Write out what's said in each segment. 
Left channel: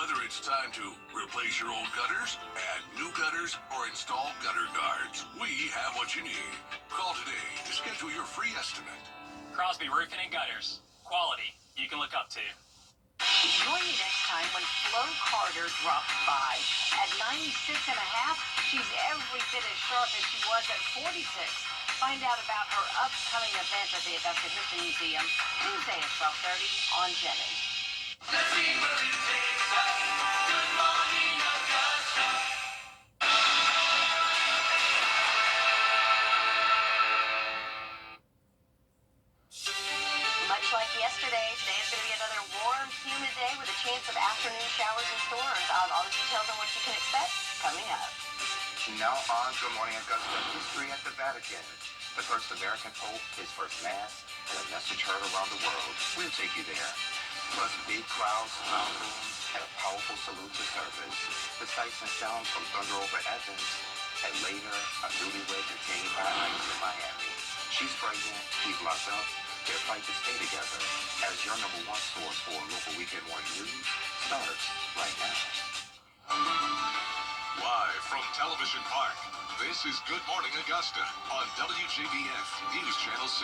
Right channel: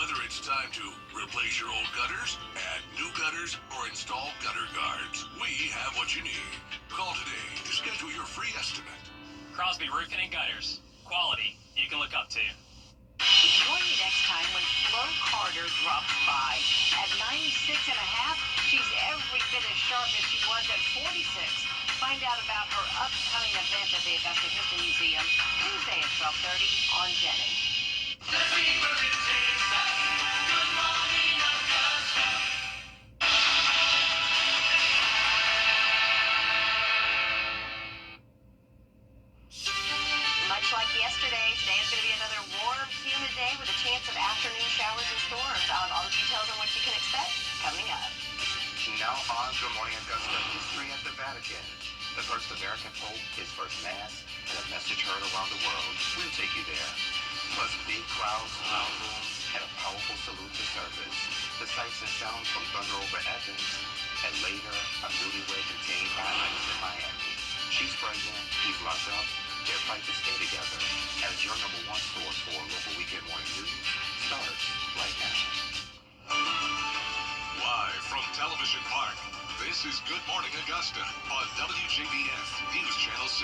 Whether it's time to replace your old gutters, add new gutters, or install gutter guards, we have what you need. Call today to schedule your free estimate. Crosby Roofing and Gutters. Quality you can look up to. Join me next time when Flo Carter drops by. At 96 and a half, she's every bit as sharp as she was at 46. Find out about her upcoming event at the Augusta History Museum Tuesday at 12:30 on Jenny. Much like yesterday, today is going to be another warm, humid day with a chance of afternoon showers and storms. All the details on what you can expect coming up. Now on Good Morning Augusta, history at the Vatican. The first American Pope, his first Mass, and a message heard around the world. We'll take you there. Plus big crowds, mountains, and a powerful salute to service. The sights and sounds from Thunder over Evans, and later, a newlywed detained by ICE in Miami. She's pregnant, he's locked up. Their fight to stay together as your number one source for local weekend morning news starts right now. Live from Television Park, this is Good Morning Augusta on WJBF News Channel 6.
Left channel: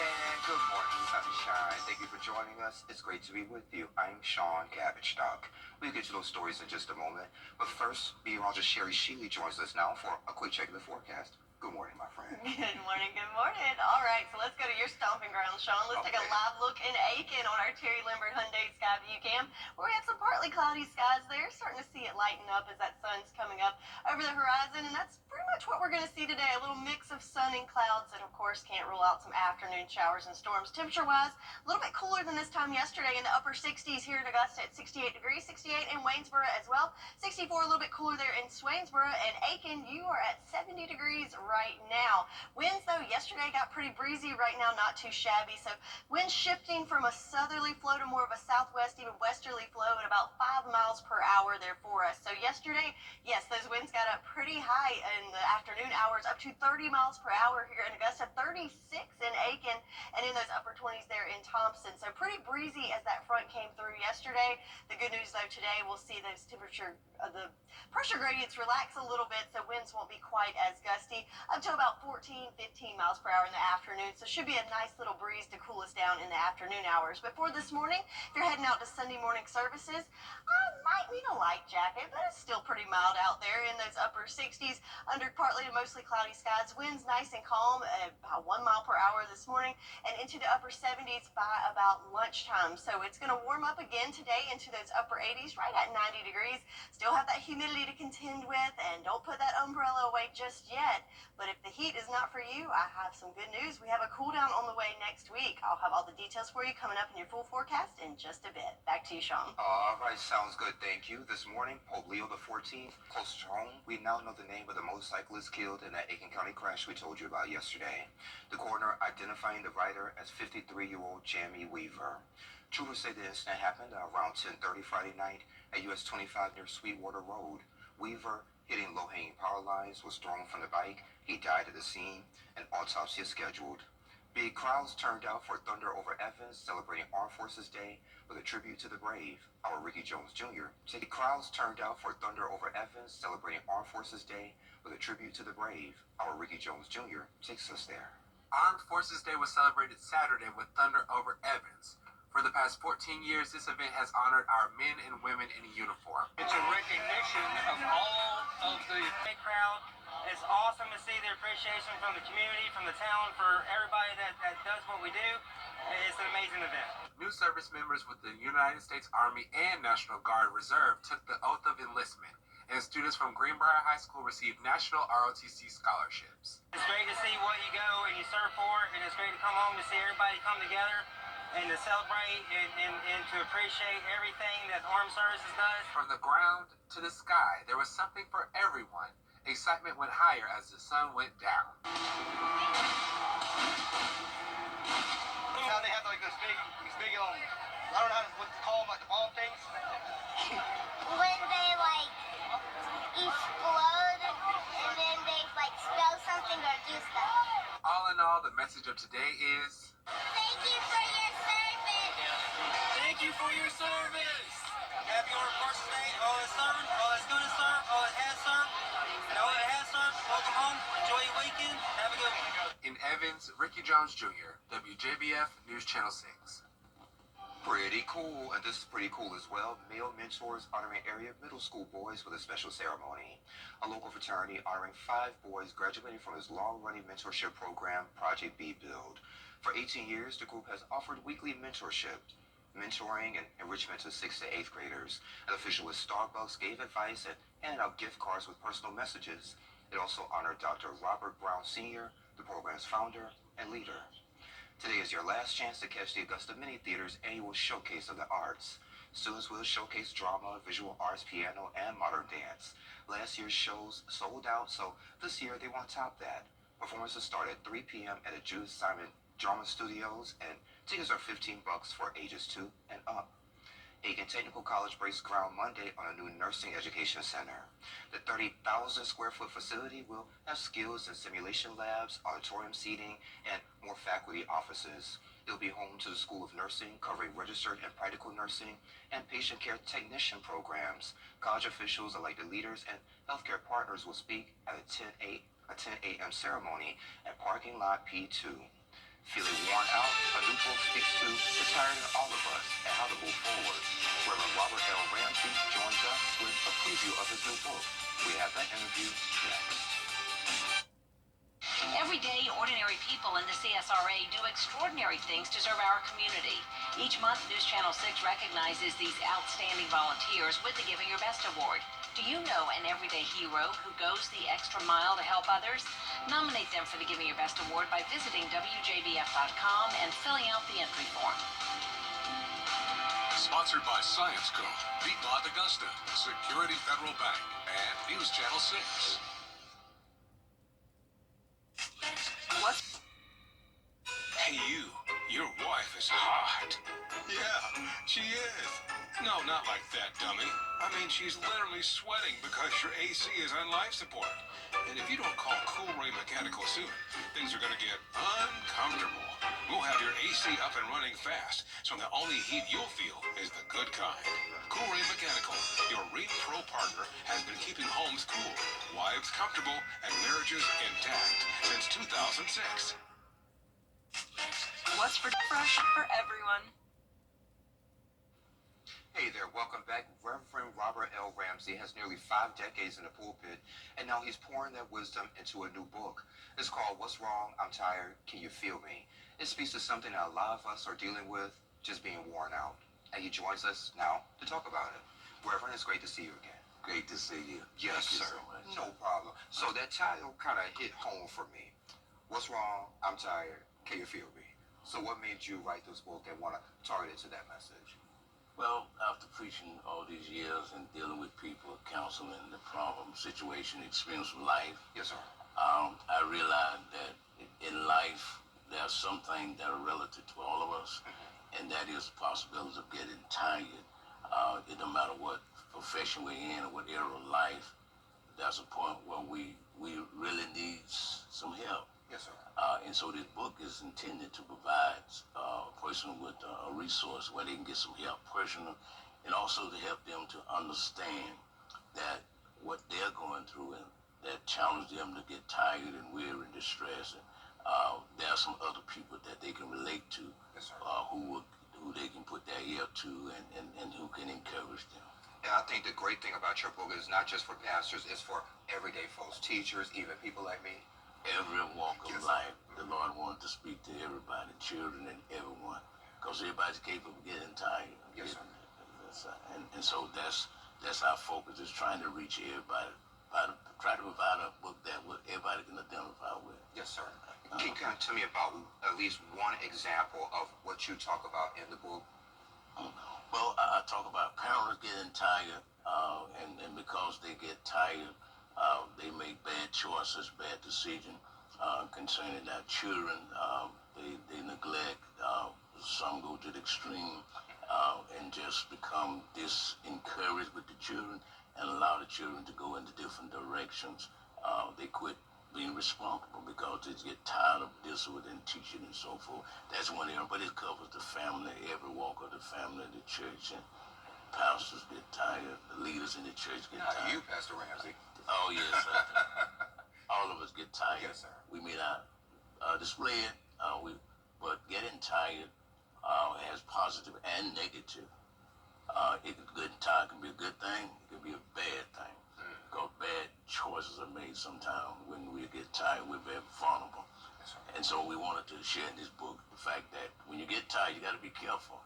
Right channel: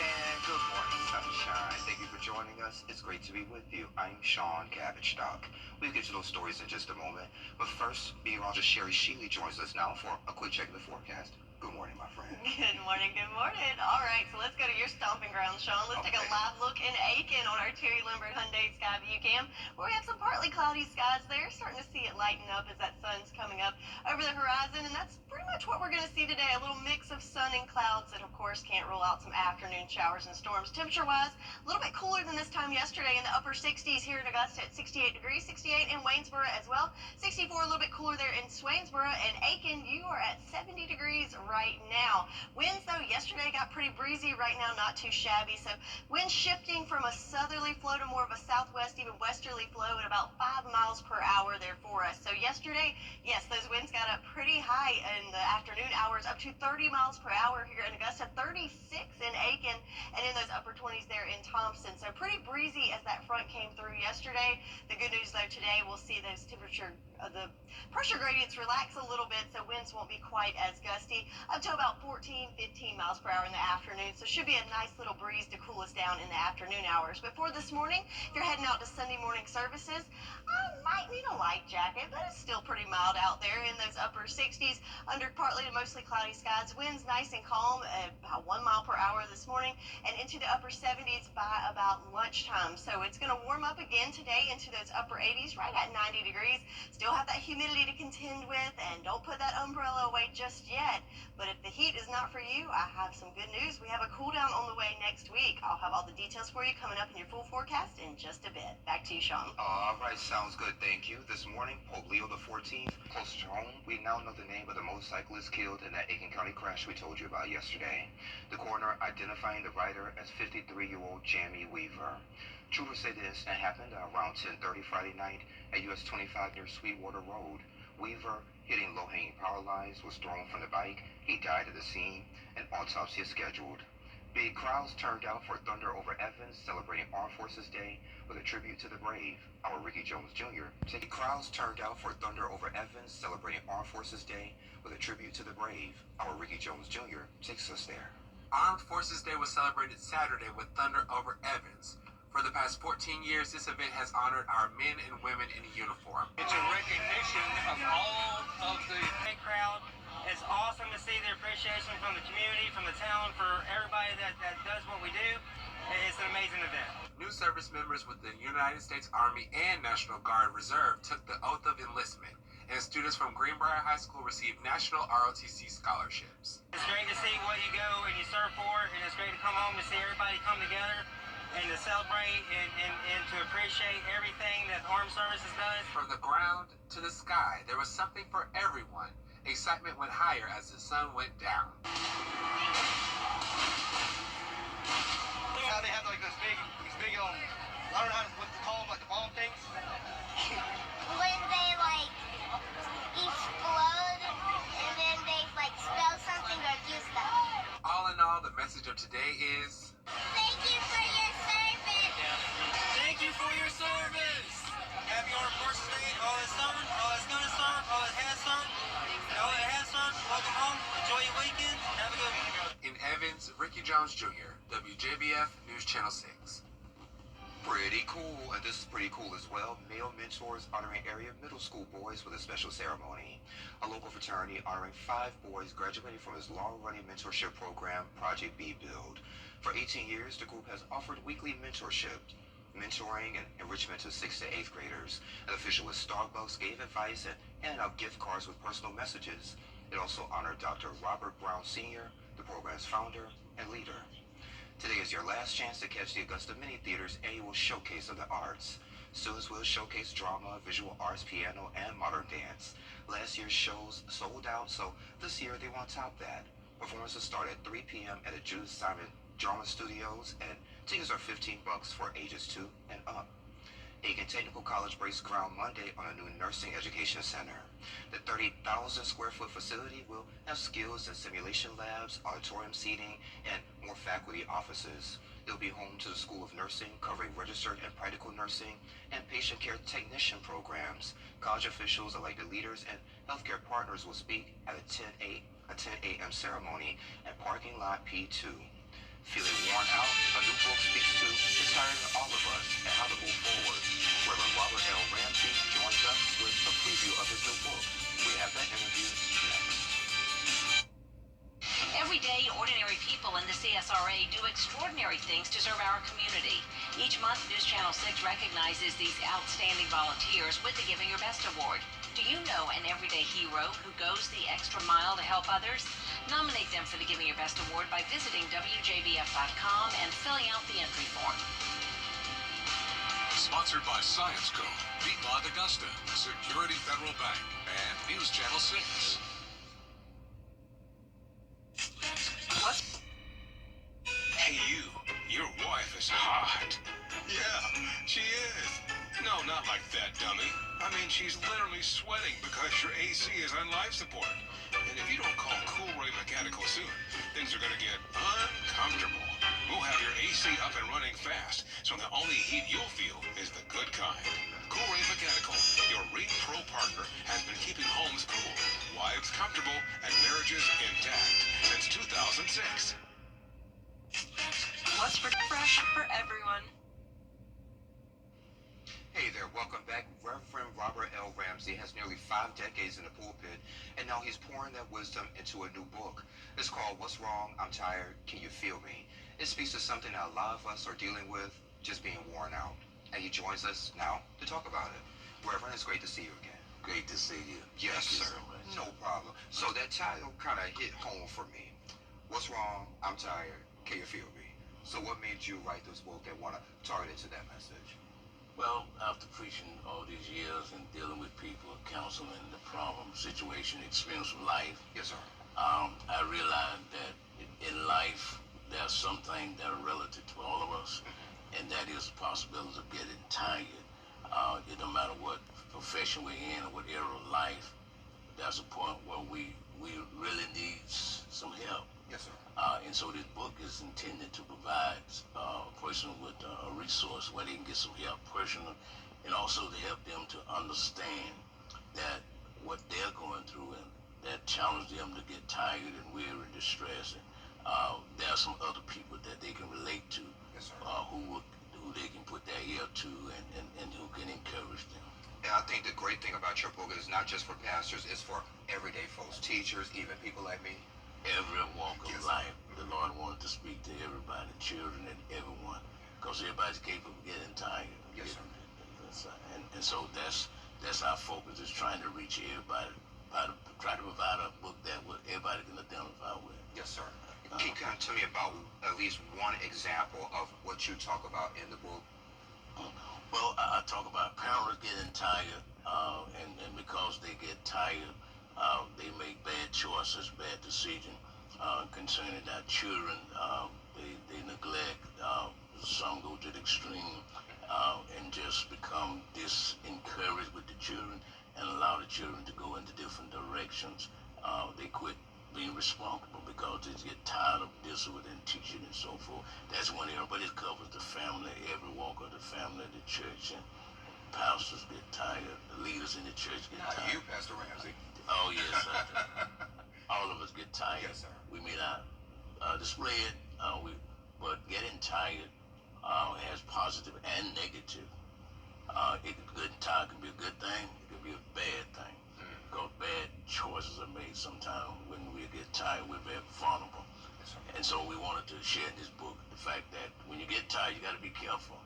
And good morning, sunshine. Thank you for joining us. It's great to be with you. I'm Sean Cabbage-Stock. We'll get to those stories in just a moment. But first, meteorologist Sherry Sheely joins us now for a quick check of the forecast. Good morning, my friend. Good morning, good morning. All right, so let's go to your stomping ground, Sean. Let's take a live look in Aiken on our Terry Lambert Hyundai Sky View Cam, where we have some partly cloudy skies there. Starting to see it lighten up as that sun's coming up over the horizon, and that's pretty much what we're going to see today. A little mix of sun and clouds, and of course can't rule out some afternoon showers and storms. Temperature-wise, a little bit cooler than this time yesterday, in the upper 60s here in Augusta at 68 degrees, 68 in Waynesboro as well, 64 a little bit cooler there in Swainsboro, and Aiken, you are at 70 degrees right now. Winds, though, yesterday got pretty breezy. Right now, not too shabby. So winds shifting from a southerly flow to more of a southwest, even westerly flow at about 5 miles per hour there for us. So yesterday, yes, those winds got up pretty high in the afternoon hours, up to 30 miles per hour here in Augusta, 36 in Aiken, and in those upper 20s there in Thompson. So pretty breezy as that front came through yesterday. The good news, though, today we'll see those the pressure gradients relax a little bit, so winds won't be quite as gusty, up to about 14, 15 miles per hour in the afternoon. So should be a nice little breeze to cool us down in the afternoon hours. But for this morning, if you're heading out to Sunday morning services, might need a light jacket, but it's still pretty mild out there in those upper 60s under partly to mostly cloudy skies. Winds nice and calm at about 1 mile per hour this morning, and into the upper 70s by about lunchtime. So it's going to warm up again today into those upper 80s, right at 90 degrees. Still have that humidity to contend with, and don't put that umbrella away just yet. But if the heat is not for you, I have some good news. We have a cool down on the way next week. I'll have all the details for you coming up in your full forecast in just a bit. Back to you, Sean. All right, sounds good. Thank you. This morning, Pope Leo XIV, close to home, we now know the name of the motorcyclist killed in that Aiken County crash we told you about yesterday. The coroner identifying the rider as 53-year-old Jamie Weaver. Troopers say the incident happened around 10:30 Friday night at US 25 near Sweetwater Road. Weaver, hitting low-hanging power lines, was thrown from the bike. He died at the scene. An autopsy is scheduled. Big crowds turned out for Thunder over Evans, celebrating Armed Forces Day with a tribute to the brave. Our Ricky Jones Jr. Crowds turned out for Thunder over Evans, celebrating Armed Forces Day with a tribute to the brave. Our Ricky Jones Jr. takes us there. Armed Forces Day was celebrated Saturday with Thunder over Evans. For the past 14 years, this event has honored our men and women in uniform. It's a recognition of all of the crowd. It's awesome to see the appreciation from the community, from the town, for everybody that does what we do. It's an amazing event. New service members with the United States Army and National Guard Reserve took the oath of enlistment, and students from Greenbrier High School received national ROTC scholarships. It's great to see what you go and you serve for, and it's great to come home to see everybody come together and to celebrate and to appreciate everything that Armed Services does. From the ground to the sky, there was something for everyone. Excitement went higher as the sun went down. How they have like those big, I don't know what to call them, like the bomb things. When they like explode and then they like spell something or do stuff. All in all, the message of today is... Thank you for your service. Thank you for your service. service. Happy on first day. All that's served, all that's gonna serve, all that has served, and all that has served. Welcome home. Enjoy your weekend. Have a good one. In Evans, Ricky Jones Jr., WJBF News Channel 6. Pretty cool, and this is pretty cool as well. Male mentors honoring area middle school boys with a special ceremony. A local fraternity honoring 5 boys graduating from its long-running mentorship program, Project B Build. For 18 years, the group has offered weekly mentorship, mentoring and enrichment to 6th to 8th graders. An official with Starbucks gave advice and handed out gift cards with personal messages. It also honored Dr. Robert Brown Sr., the program's founder and leader. Today is your last chance to catch the Augusta Mini Theater's annual Showcase of the Arts. Students will showcase drama, visual arts, piano, and modern dance. Last year's shows sold out, so this year they want to top that. Performances start at 3 p.m. at the Judith Simon Drama Studios, and tickets are $15 for ages 2 and up. Aiken Technical College breaks ground Monday on a new nursing education center. The 30,000 square foot facility will have skills and simulation labs, auditorium seating, and more faculty offices. It'll be home to the School of Nursing, covering registered and practical nursing and patient care technician programs. College officials, elected leaders, and healthcare partners will speak at a 10 a.m. ceremony at parking lot P2. Feeling worn out? A new book speaks to the tired in all of us and how to move forward. Reverend Robert L. Ramsey joins us with a preview of his new book. We have that interview next. Every day, ordinary people in the CSRA do extraordinary things to serve our community. Each month, News Channel 6 recognizes these outstanding volunteers with the Giving Your Best Award. Do you know an everyday hero who goes the extra mile to help others? Nominate them for the Giving Your Best Award by visiting WJBF.com and filling out the entry form. Sponsored by Science Co., Piedmont Augusta, Security Federal Bank, and News Channel 6. Hey, your wife is hot. Yeah, she is. No, not like that, dummy. I mean, she's literally sweating because your AC is on life support. And if you don't call Cool Ray Mechanical soon, things are going to get uncomfortable. We'll have your AC up and running fast, so the only heat you'll feel is the good kind. Cool Ray Mechanical, your Reed Pro partner, has been keeping homes cool, wives comfortable, and marriages intact since 2006. What's fresh for everyone? Hey there, welcome back. Reverend Robert L. Ramsey has nearly 5 decades in the pulpit, and now he's pouring that wisdom into a new book. It's called What's Wrong? I'm Tired. Can You Feel Me? It speaks to something that a lot of us are dealing with, just being worn out. And he joins us now to talk about it. Reverend, it's great to see you again. Great to see you. Yes, Thank you sir. so much. No problem. So that title kind of hit home for me. What's wrong? I'm tired. Can you feel me? So what made you write this book and want to target it to that message? Well, after preaching all these years and dealing with people, counseling the problem, situation, experience of life, Yes, sir. I realized that in life, there's something that are relative to all of us, and that is the possibility of getting tired. It no matter what profession we're in or what era of life, there's a point where we really need some help. Yes, sir. And so this book is intended to provide a person with a resource where they can get some help personally, and also to help them to understand that what they're going through and that challenge them to get tired and weary and distressed. And there are some other people that they can relate to, Yes, sir. who they can put their ear to and who can encourage them. And I think the great thing about your book is not just for pastors, it's for everyday folks, teachers, even people like me. Every walk of Yes. life, the Lord wanted to speak to everybody, children and everyone, because everybody's capable of getting tired. Yes, sir. And so that's our focus, is trying to reach everybody, try to provide a book that everybody can identify with. Yes, sir. Can you kind of tell me about at least one example of what you talk about in the book? Well, I talk about parents getting tired, and because they get tired, they make bad choices, bad decisions concerning their children. They neglect. Some go to the extreme and just become disencouraged with the children and allow the children to go into different directions. They quit being responsible because they get tired of discipline and teaching and so forth. That's one area, but it covers the family, every walk of the family, the church, and pastors get tired, the leaders in the church get Not tired. you, Pastor Ramsey. Oh, yes. All of us get tired. Yes, sir. We may not display it, but getting tired has positive and negative. Good tired can be a good thing, it can be a bad thing. Because bad choices are made sometimes. When we get tired, we're very vulnerable. Yes, sir. And so we wanted to share in this book the fact that when you get tired, you got to be careful.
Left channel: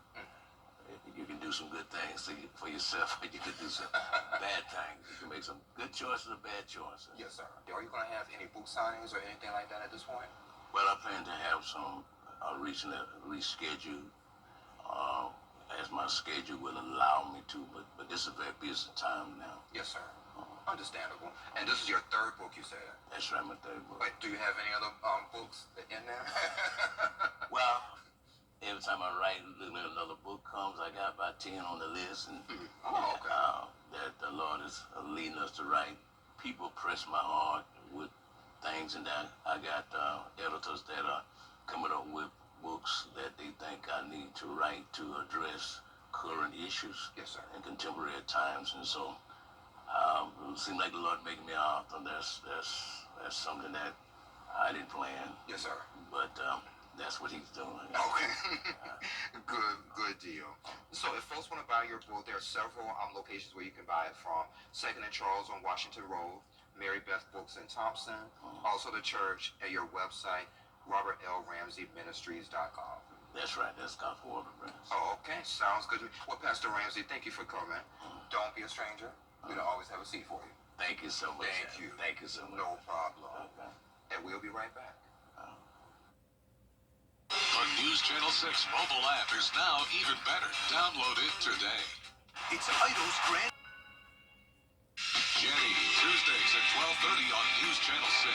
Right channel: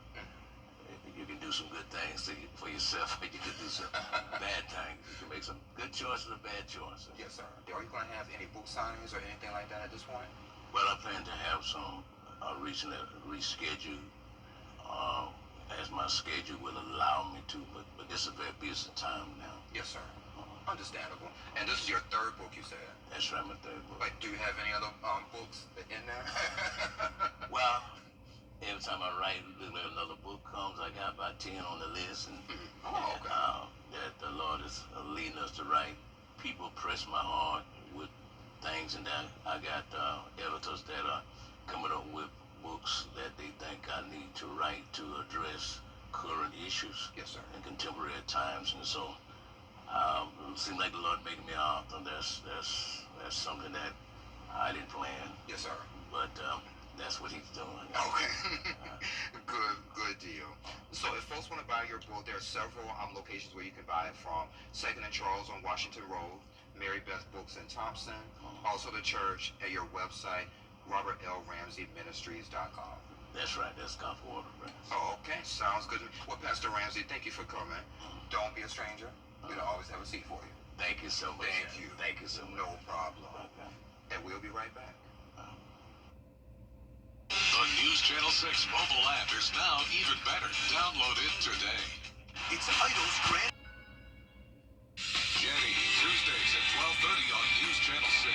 You can do some good things for yourself, or you can do some bad things. You can make some good choices or bad choices. Yes, sir. Are you going to have any book signings or anything like that at this point? Well, I plan to have some recently rescheduled as my schedule will allow me to, but this is a very busy time now. Yes, sir. Understandable. And this is your third book, you said? That's right, my third book. Wait, do you have any other books in there? Well, every time I write, another book comes, I got about 10 on the list, and Oh, okay. that the Lord is leading us to write. People press my heart with things, and that I got editors that are coming up with books that they think I need to write to address current issues Yes, sir. and contemporary times, and so it seemed like the Lord making me an author. That's something that I didn't plan, Yes, sir. but that's what He's doing. Okay. Good deal. So if folks want to buy your book, there are several locations where you can buy it from. 2nd and Charles on Washington Road, Mary Beth Books in Thompson, also the church, at your website, robertlramseyministries.com. That's right. That's Gospel Order Press. Oh, okay. Sounds good to me. Well, Pastor Ramsey, thank you for coming. Don't be a stranger. We'll always have a seat for you. Thank you so much. Thank you. Thank you so much. No problem. Okay. And we'll be right back. The News Channel 6 mobile app is now even better. Download it today. It's Idol's Grand. Jenny, Tuesdays at 12:30 on News Channel 6.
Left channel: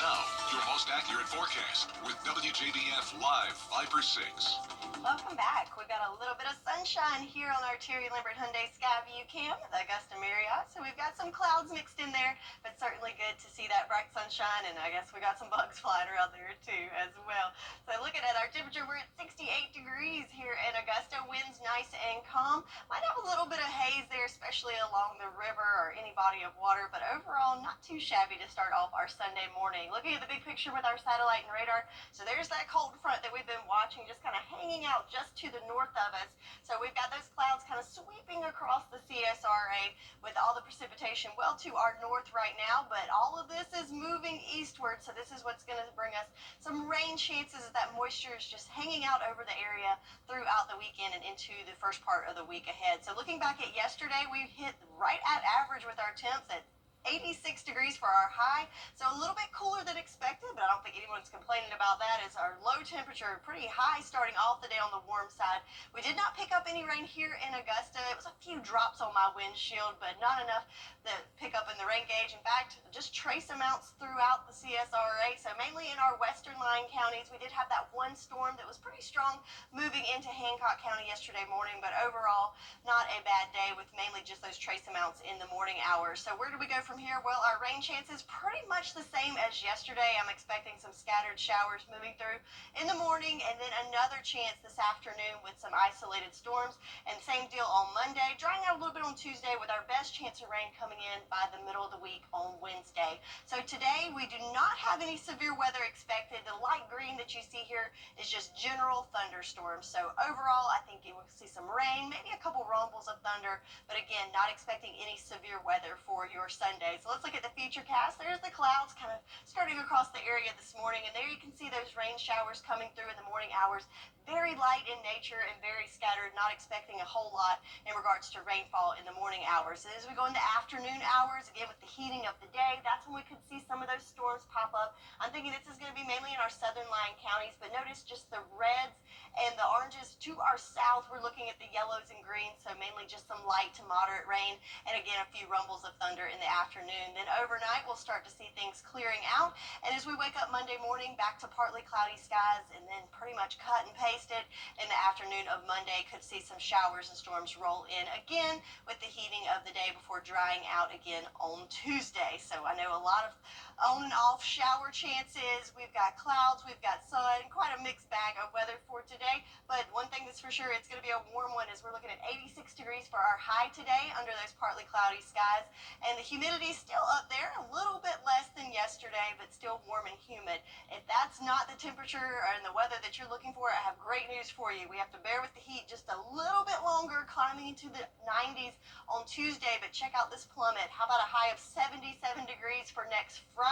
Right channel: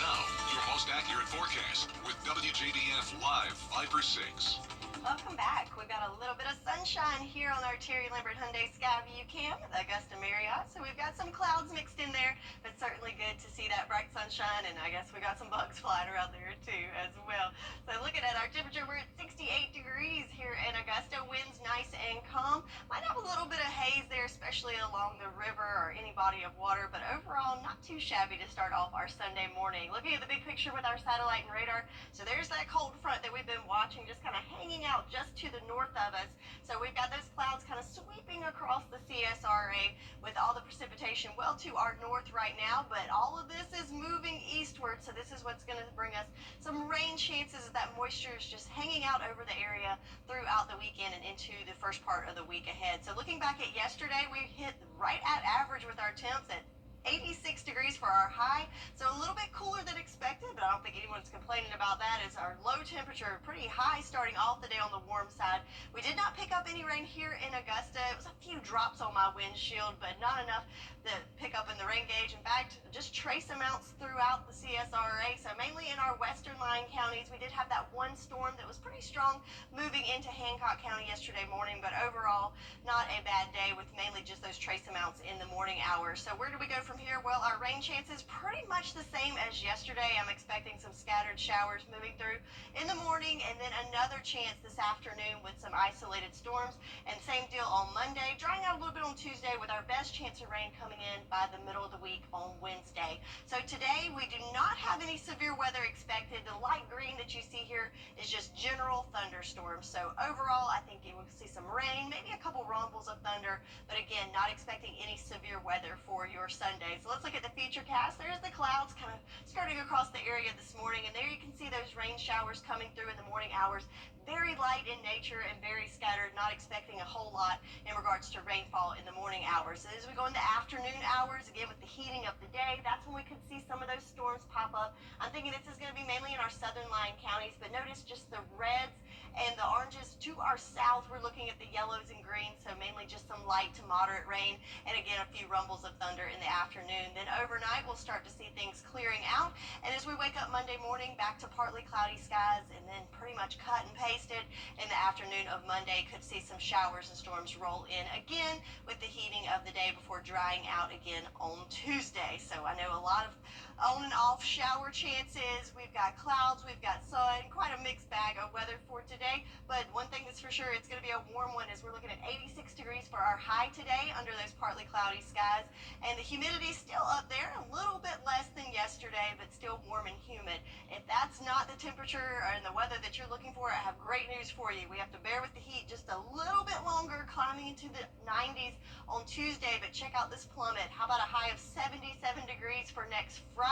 Now, your most accurate forecast with WJBF Live 5/6. Welcome back. We've got a little bit of sunshine here on our Terry Lambert Hyundai Skyview Cam at the Augusta Marriott. So we've got some clouds mixed in there, but certainly good to see that bright sunshine. And I guess we got some bugs flying around there too as well. So looking at our temperature, we're at 68 degrees here in Augusta. Winds nice and calm. Might have a little bit of haze there, especially along the river or any body of water, but overall not too shabby to start off our Sunday morning. Looking at the big picture with our satellite and radar, so there's that cold front that we've been watching just kind of hanging out just to the north of us. So we've got those clouds kind of sweeping across the CSRA with all the precipitation well to our north right now, but all of this is moving eastward, so this is what's going to bring us some rain chances as that moisture is just hanging out over the area throughout the weekend and into the first part of the week ahead. So looking back at yesterday, we hit right at average with our temps at 86 degrees for our high, so a little bit cooler than expected, but I don't think anyone's complaining about that, as our low temperature pretty high starting off the day on the warm side. We did not pick up any rain here in Augusta. It was a few drops on my windshield, but not enough to pick up in the rain gauge. In fact, just trace amounts throughout the CSRA, so mainly in our western line counties. We did have that one storm that was pretty strong moving into Hancock County yesterday morning, but overall not a bad day with mainly just those trace amounts in the morning hours. So where do we go from here? Well, our rain chances pretty much the same as yesterday. I'm expecting some scattered showers moving through in the morning, and then another chance this afternoon with some isolated storms, and same deal on Monday, drying out a little bit on Tuesday with our best chance of rain coming in by the middle of the week on Wednesday. So today we do not have any severe weather expected. The light green that you see here is just general thunderstorms. So overall, I think you will see some rain, maybe a couple rumbles of thunder, but again, not expecting any severe weather for your Sunday. So let's look at the future cast. There's the clouds kind of skirting across the area this morning, and there you can see those rain showers coming through in the morning hours. Very light in nature and very scattered, not expecting a whole lot in regards to rainfall in the morning hours. As we go into afternoon hours, again with the heating of the day, that's when we could see some of those storms pop up. I'm thinking this is going to be mainly in our southern line counties, but notice just the reds and the oranges to our south. We're looking at the yellows and greens, so mainly just some light to moderate rain, and again a few rumbles of thunder in the afternoon. Then overnight we'll start to see things clearing out, and as we wake up Monday morning, back to partly cloudy skies, and then pretty much cut and pasted in the afternoon of Monday could see some showers and storms roll in again with the heating of the day before drying out again on Tuesday. So I know a lot of on and off shower chances. We've got clouds, we've got sun, quite a mixed bag of weather for today. But one thing that's for sure, it's going to be a warm one as we're looking at 86 degrees for our high today under those partly cloudy skies. And the humidity still up there, a little bit less than yesterday, but still warm and humid. If that's not the temperature and the weather that you're looking for, I have great news for you. We have to bear with the heat just a little bit longer, climbing into the 90s on Tuesday. But check out this plummet. How about a high of 77 degrees for next Friday?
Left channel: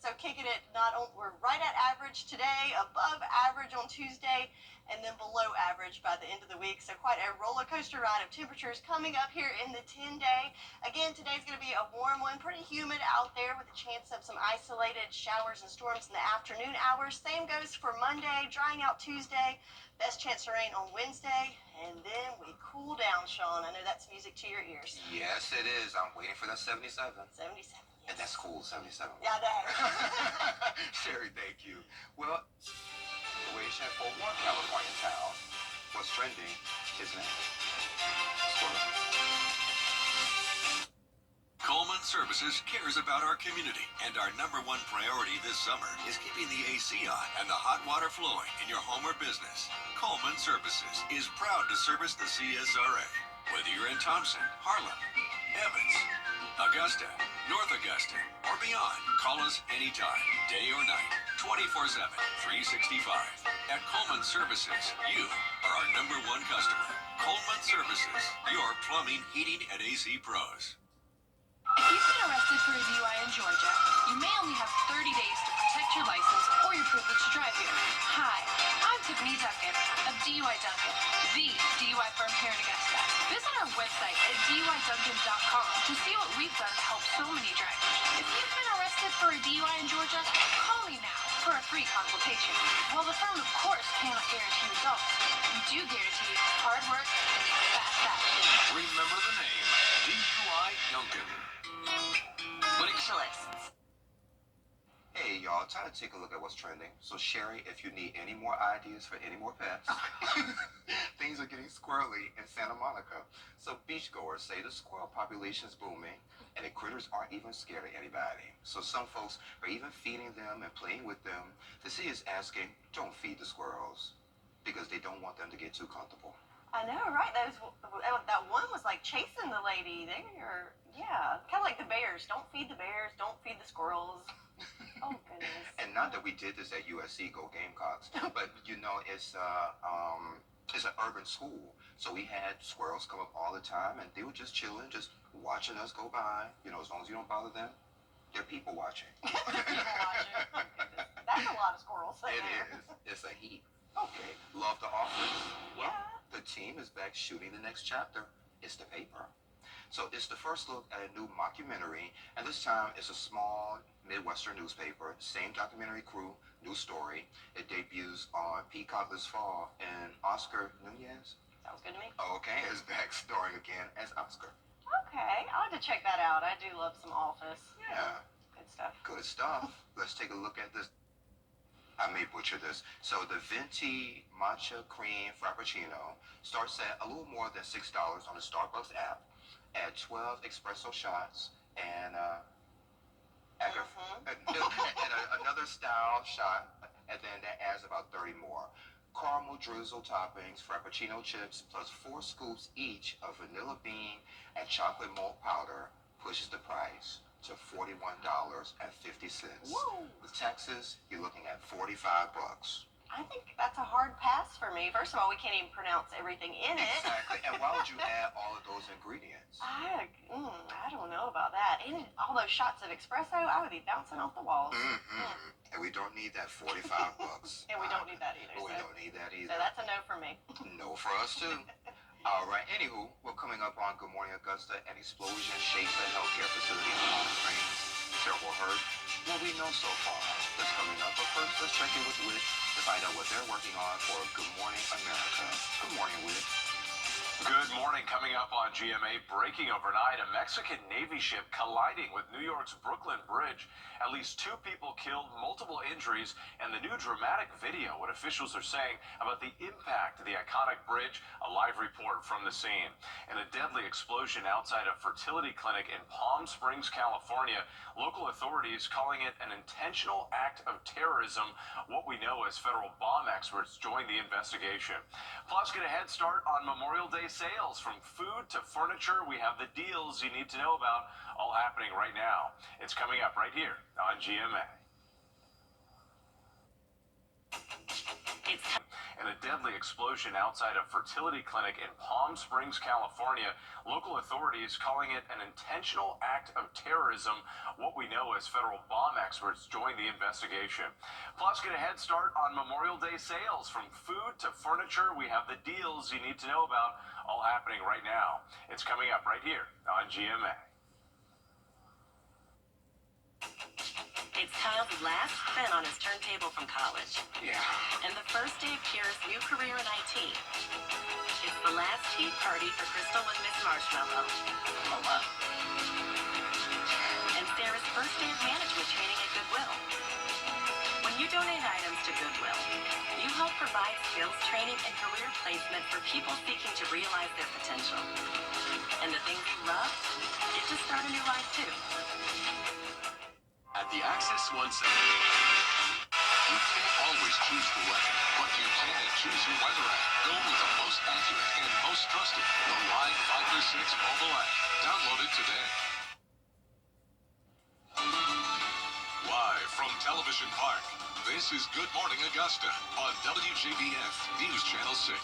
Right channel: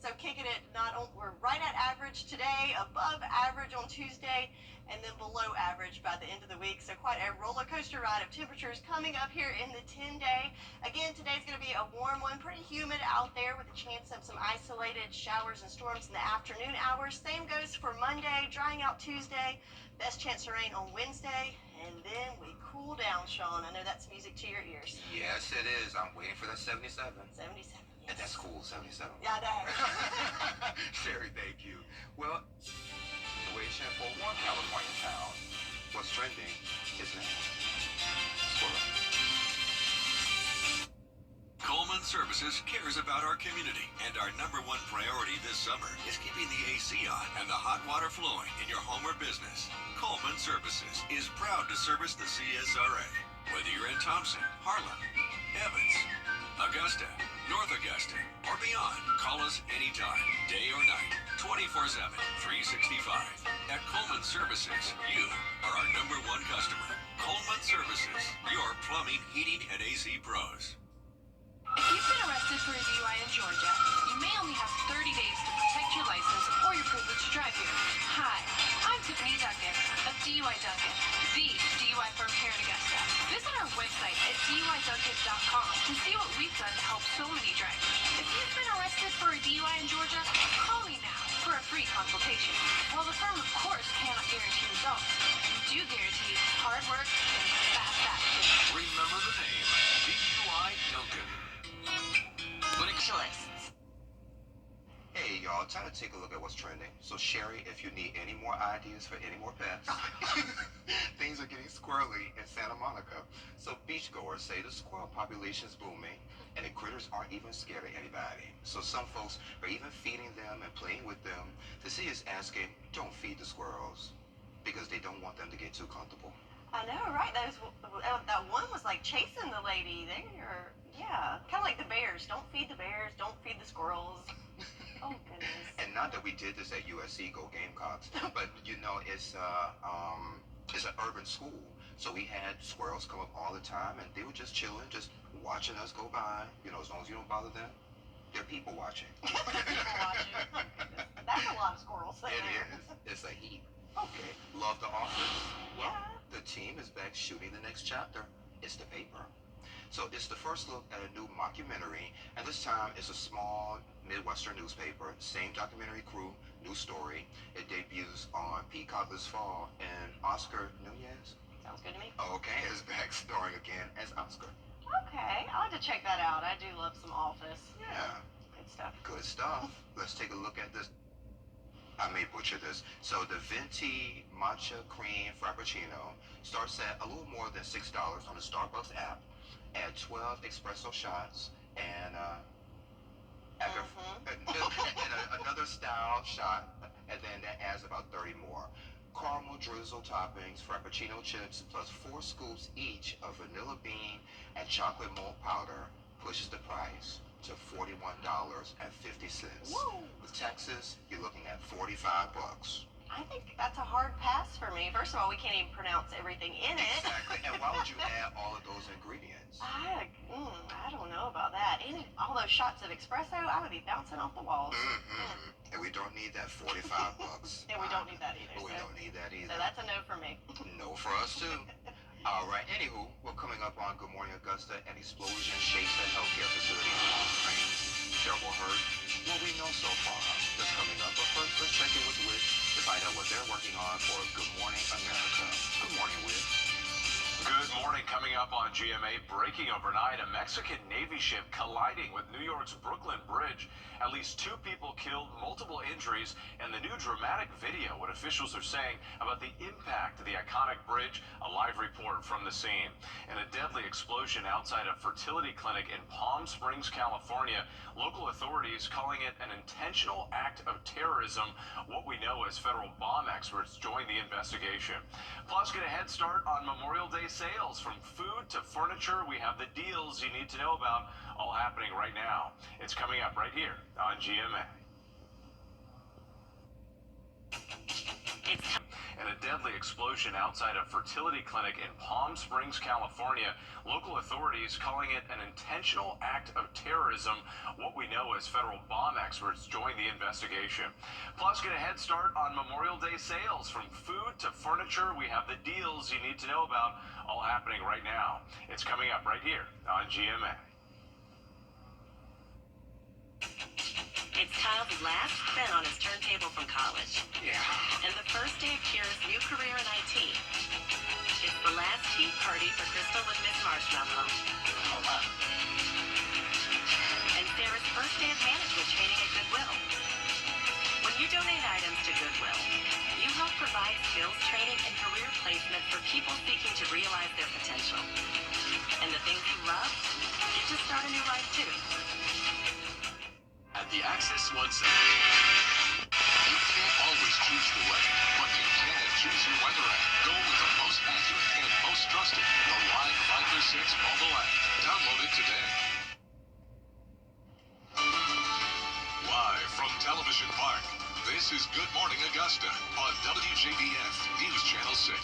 So kicking it, we're right at average today, above average on Tuesday, and then below average by the end of the week. So quite a roller coaster ride of temperatures coming up here in the 10-day. Again, today's going to be a warm one, pretty humid out there with a chance of some isolated showers and storms in the afternoon hours. Same goes for Monday, drying out Tuesday, best chance of rain on Wednesday, and then we cool down, Sean. I know that's music to your ears. Yes, it is. I'm waiting for that 77. 77. And that's cool, 77. Yeah, that. Sherry, thank you. Well, situation for one California town. What's trending is next. Coleman Services cares about our community, and our #1 priority this summer is keeping the AC on and the hot water flowing in your home or business. Coleman Services is proud to service the CSRA. Whether you're in Thompson, Harlan, Evans, Augusta, North Augusta, or beyond, call us anytime, day or night, 24/7, 365. At Coleman Services, you are our #1 customer. Coleman Services, your plumbing, heating, and AC pros. If you've been arrested for a DUI in Georgia, you may only have 30 days to protect your license or your privilege to drive here. Hi, I'm Tiffany Duncan of DUI Duncan, the DUI firm here in Augusta. Visit our website at DUIDuncan.com to see what we've done to help so many drivers. If you've been arrested for a DUI in Georgia, call me now for a free consultation. While the firm, of course, cannot guarantee results, we do guarantee hard work and fast action. Remember the name, DUI Duncan. Hey, y'all, time to take a look at what's trending. So, Sherry, if you need any more ideas for any more pets, things are getting squirrely in Santa Monica. So, beachgoers say the squirrel population is booming, and the critters aren't even scared of anybody. So, some folks are even feeding them and playing with them. The city is asking, don't feed the squirrels, because they don't want them to get too comfortable. I know, right? That one was like chasing the lady. Yeah, kind of like the bears. Don't feed the bears. Don't feed the squirrels. Oh goodness. And not that we did this at USC, go Gamecocks, but you know, it's an urban school, so we had squirrels come up all the time, and they were just chilling, just watching us go by. You know, as long as you don't bother them, they're people watching. People watching. Oh, goodness. That's a lot of squirrels. It is. It's a heap. Okay. Love The Office? Yeah. The team is back shooting the next chapter. It's the paper. So it's the first look at a new mockumentary, and this time it's a small Midwestern newspaper. Same documentary crew, new story. It debuts on Peacock this fall, and Oscar Nunez. Sounds good to me. Okay, is back starring again as Oscar. Okay, I'll have to check that out. I do love some Office. Yeah. Good stuff. Good stuff. Let's take a look at this. I may butcher this. So the Venti Matcha Cream Frappuccino starts at a little more than $6 on the Starbucks app. Add 12 espresso shots and another style shot, and then that adds about 30 more. Caramel drizzle toppings, Frappuccino chips, plus 4 scoops each of vanilla bean and chocolate malt powder pushes the price to $41.50. Whoa. With taxes, you're looking at $45. I think that's a hard pass for me. First of all, we can't even pronounce everything in it. Exactly. And why would you add all of those ingredients? I don't know about that. And all those shots of espresso, I would be bouncing off the walls. And we don't need that $45. And we don't need that either. We don't need that either. So that's a no for me. No for us too. All right. Anywho, we're coming up on Good Morning Augusta. An explosion shakes a healthcare facility in Palm Springs. Terrible hurt. What we know so far. That's coming up. But first, let's check in with Whit to find out what they're working on for Good Morning America. Good morning, Whit. Good morning. morning, coming up on GMA, breaking overnight, a Mexican Navy ship colliding with New York's Brooklyn Bridge. At least 2 people killed, multiple injuries, and the new dramatic video, what officials are saying about the impact of the iconic bridge, a live report from the scene. And a deadly explosion outside a fertility clinic in Palm Springs, California. Local authorities calling it an intentional act of terrorism. What we know as federal bomb experts join the investigation. Plus, get a head start on Memorial Day sales. From food to furniture, we have the deals you need to know about, all happening right now. It's coming up right here on GMA. And a deadly explosion outside a fertility clinic in Palm Springs, California. Local authorities calling it an intentional act of terrorism. What we know as federal bomb experts join the investigation. Plus, get a head start on Memorial Day sales. From food to furniture, we have the deals you need to know about, all happening right now. It's coming up right here on GMA. It's Kyle's last spin on his turntable from college. Yeah. And the first day of Kira's new career in IT. It's the last tea party for Crystal and Miss Marshmallow. Oh, wow. And Sarah's first day of management training at Goodwill. When you donate items to Goodwill, you help provide skills training and career placement for people seeking to realize their potential. And the things you love get to start a new life too. At the Access One Center, you can't always choose the weather, but you can choose your weather app. Go with the most accurate and most trusted, the Live Finder 6 mobile app. Download it today. Live from Television Park, this is Good Morning Augusta on WJBF News Channel 6.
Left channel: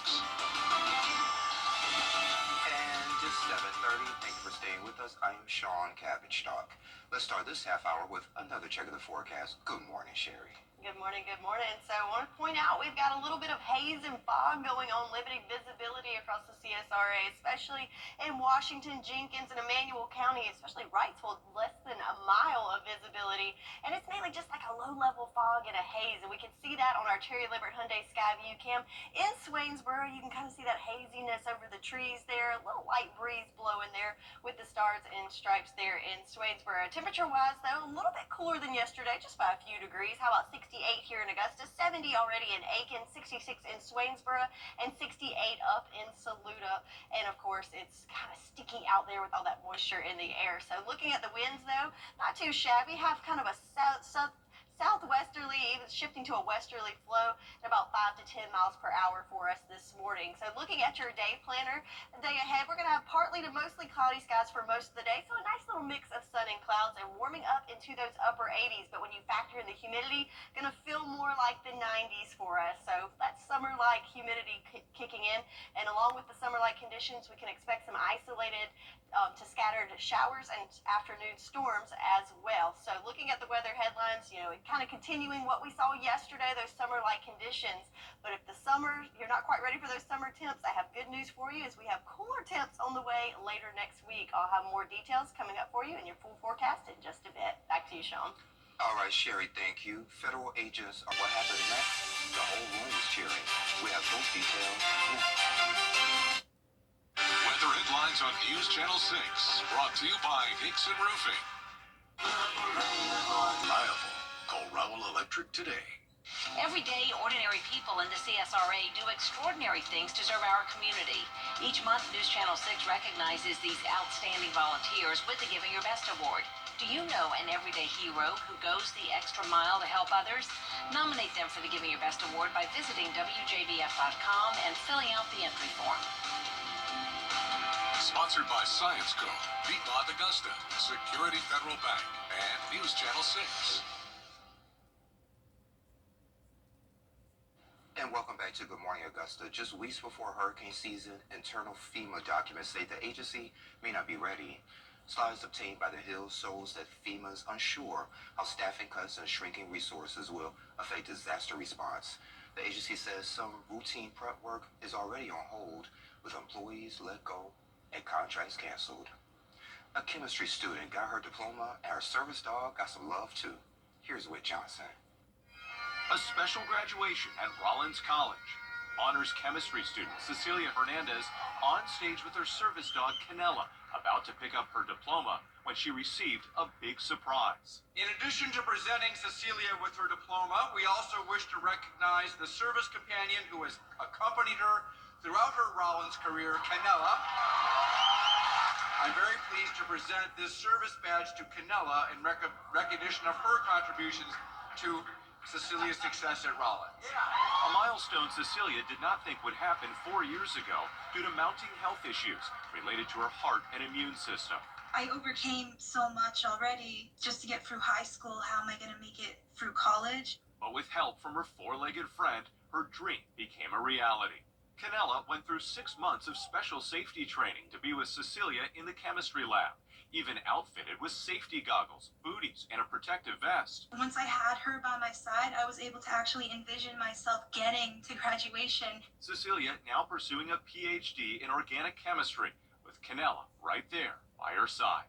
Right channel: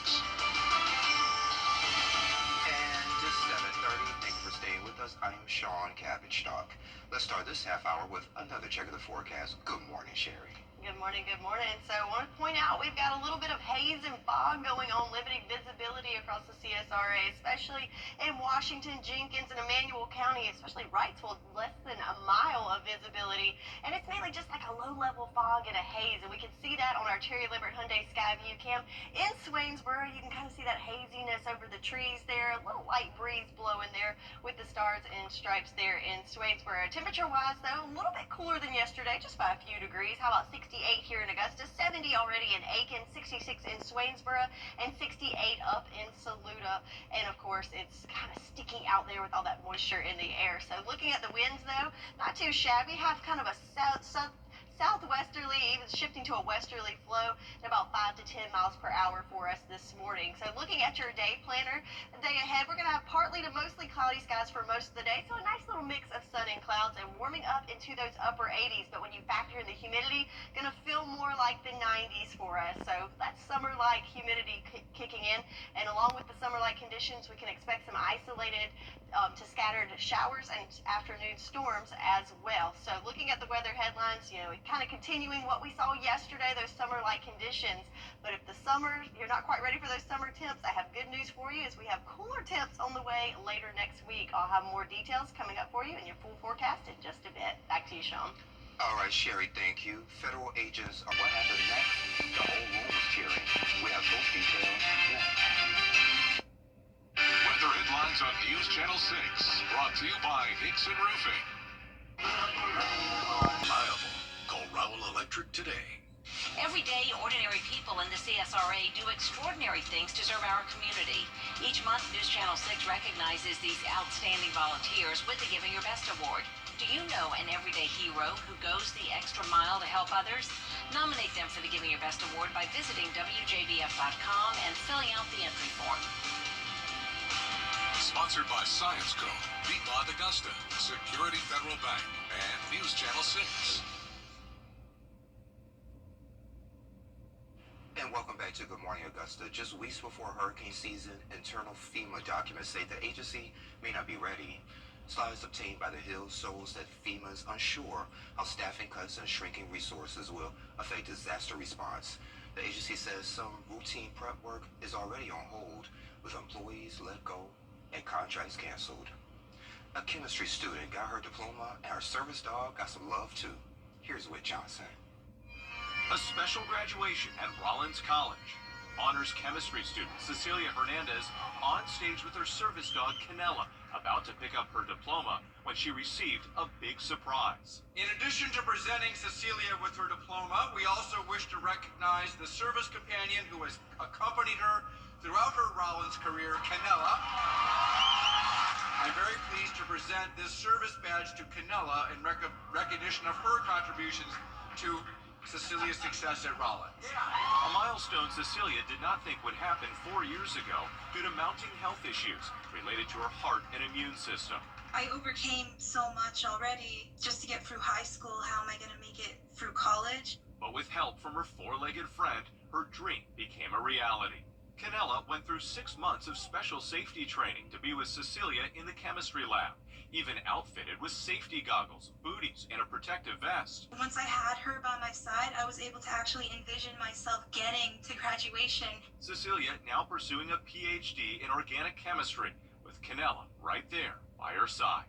And just 7:30. Thank you for staying with us. I'm Sean Cabbage-Stock. Let's start this half hour with another check of the forecast. Good morning, Sherry. Good morning, good morning. So I want to point out we've got a little bit of haze and fog going on, limiting visibility across the CSRA, especially in Washington, Jenkins, and Emmanuel County, especially Wrightsville, less than a mile of visibility. And it's mainly just like a low-level fog and a haze, and we can see that on our Terry Limbert Hyundai Sky View Cam. In Swainsboro, you can kind of see that haziness over the trees there, a little light breeze blowing there with the stars and stripes there in Swainsboro. Temperature-wise, though, a little bit cooler than yesterday, just by a few degrees. How about 68 here in Augusta, 70 already in Aiken, 66 in Swainsboro, and 68 up in Saluda. And of course, it's kind of sticky out there with all that moisture in the air. So looking at the winds, though, not too shabby. Have kind of a southwesterly, even shifting to a westerly flow at about 5 to 10 miles per hour for us this morning. So looking at your day planner, the day ahead, we're going to have partly to mostly cloudy skies for most of the day. So a nice little mix of sun and clouds and warming up into those upper 80s. But when you factor in the humidity, going to feel more like the 90s for us. So that's summer-like humidity kicking in. And along with the summer-like conditions, we can expect some isolated to scattered showers and afternoon storms as well. So looking at the weather headlines, you know, kind of continuing what we saw yesterday, those summer-like conditions. But if the summer, you're not quite ready for those summer temps, I have good news for you as we have cooler temps on the way later next week. I'll have more details coming up for you in your full forecast in just a bit. Back to you, Sean. All right, Sherry, thank you. Federal agents are what happened next. The whole room was cheering. We have those details next. Weather headlines on News Channel 6, brought to you by Hickson Roofing. Reliable. Call Raoul Electric today. Every day, ordinary people in the CSRA do extraordinary things to serve our community. Each month, News Channel 6 recognizes these outstanding volunteers with the Giving Your Best Award. Do you know an everyday hero who goes the extra mile to help others? Nominate them for the Giving Your Best Award by visiting WJBF.com and filling out the entry form. Sponsored by Science Co., Piedmont Augusta, Security Federal Bank, and News Channel 6. And welcome back to Good Morning Augusta. Just weeks before hurricane season, internal FEMA documents say the agency may not be ready. Slides obtained by the Hill shows that FEMA is unsure how staffing cuts and shrinking resources will affect disaster response. The agency says some routine prep work is already on hold, with employees let go and contracts canceled. A chemistry student got her diploma, and her service dog got some love too. Here's Whit Johnson. A special graduation at Rollins College. honors chemistry student Cecilia Hernandez on stage with her service dog Canella, about to pick up her diploma when she received a big surprise. In addition to presenting Cecilia with her diploma, we also wish to recognize the service companion who has accompanied her throughout her Rollins career, Canella. I'm very pleased to present this service badge to Canella in recognition of her contributions to Cecilia's success at Rollins. A milestone Cecilia did not think would happen 4 years ago due to mounting health issues related to her heart and immune system. I overcame so much already just to get through high school. How am I going to make it through college? But with help from her four-legged friend, her dream became a reality. Canella went through 6 months of special safety training to be with Cecilia in the chemistry lab, even outfitted with safety goggles, booties, and a protective vest. Once I had her by my side, I was able to actually envision myself getting to graduation. Cecilia now pursuing a PhD in organic chemistry, with Canella right there by her side.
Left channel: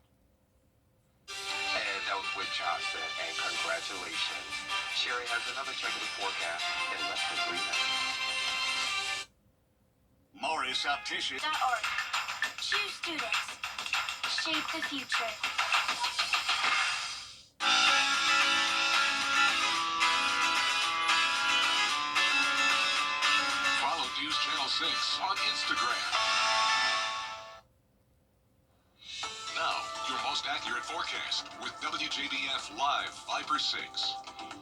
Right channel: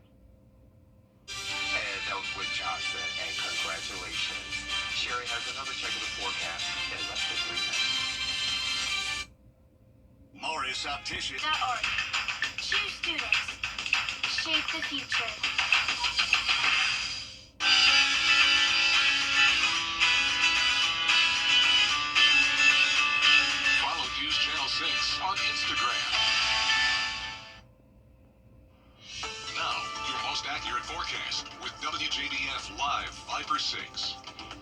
And that was Whit Johnson, and congratulations. Sherry has another check of the forecast in less than 3 minutes. Morris Optician. .org. Choose students. Shape the future. Follow News Channel 6 on Instagram. Now, your most accurate forecast with WJBF Live 5/6.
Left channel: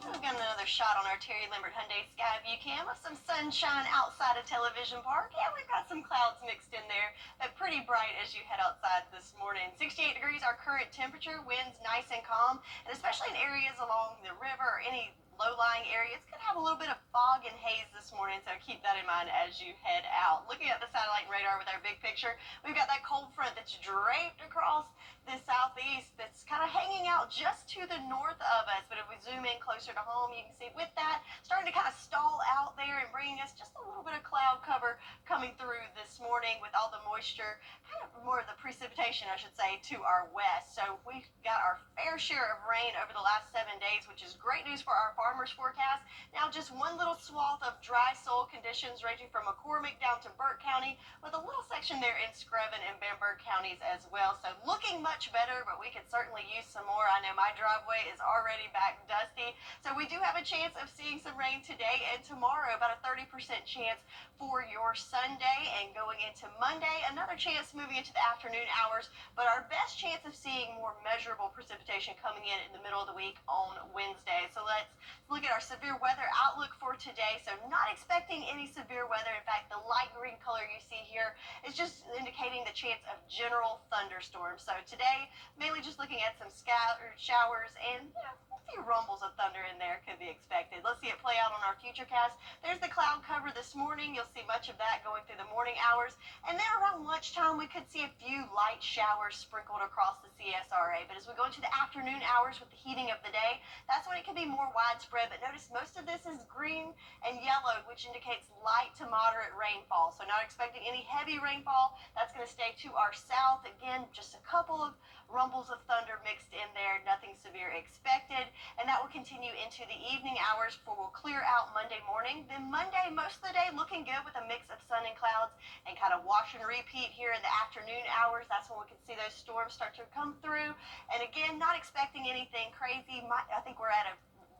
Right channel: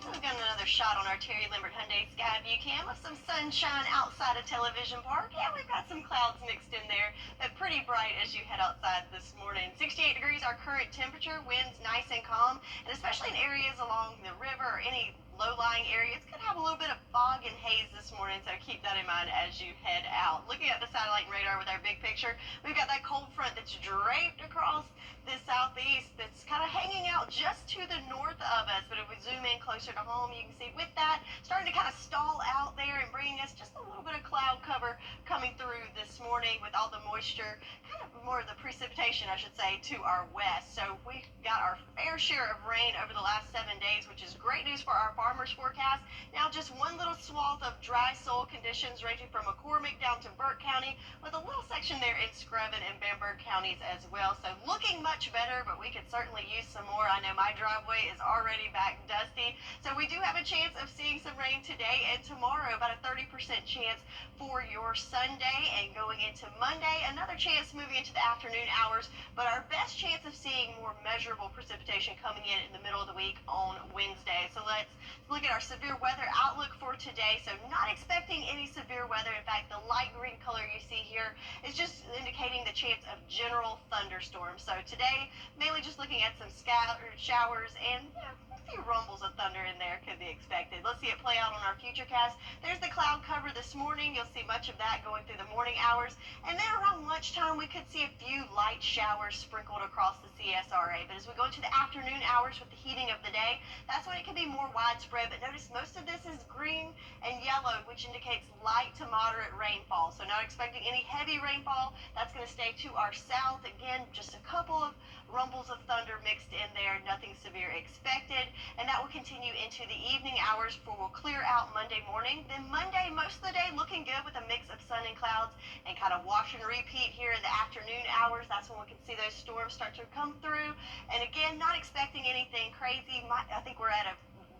We've got another shot on our Terry Limbert Hyundai Sky View Cam of some sunshine outside of Television Park. Yeah, we've got some clouds mixed in there, but pretty bright as you head outside this morning. 68 degrees our current temperature, winds nice and calm, and especially in areas along the river or any low-lying areas, could have a little bit of fog and haze this morning, so keep that in mind as you head out. Looking at the satellite and radar with our big picture, we've got that cold front that's draped across the southeast that's kind of hanging out just to the north of us, but if we zoom in closer to home, you can see with that starting to kind of stall out there and bringing us just a little bit of cloud cover coming through this morning with all the moisture, kind of more of the precipitation, I should say, to our west. So we got our fair share of rain over the last 7 days, which is great news for our farmers forecast. Now just one little swath of dry soil conditions ranging from McCormick down to Burke County, with a little section there in Screven and Bamberg counties as well. So looking much better, but we could certainly use some more. I know my driveway is already back dusty, so we do have a chance of seeing some rain today and tomorrow, about a 30% chance for your Sunday, and going into Monday, another chance moving into the afternoon hours, but our best chance of seeing more measurable precipitation coming in the middle of the week on Wednesday. So let's look at our severe weather outlook for today. So not expecting any severe weather. In fact, the light green color you see here is just indicating the chance of general thunderstorms. So today, mainly just looking at some scattered showers and a few rumbles of thunder in there could be expected. Let's see it play out on our futurecast. There's the cloud cover this morning. You'll see much of that going through the morning hours. And then around lunchtime, we could see a few light showers sprinkled across the CSRA. But as we go into the afternoon hours with the heating of the day, that's when it can be more widespread. But notice most of this is green and yellow, which indicates light to moderate rainfall. So not expecting any heavy rainfall. That's going to stay to our south. Again, just a couple of rumbles of thunder mixed in there, nothing severe expected, and that will continue into the evening hours before we'll clear out Monday morning. Then Monday, most of the day looking good with a mix of sun and clouds, and kind of wash and repeat here in the afternoon hours. That's when we can see those storms start to come through, and again, not expecting anything crazy. I think we're at a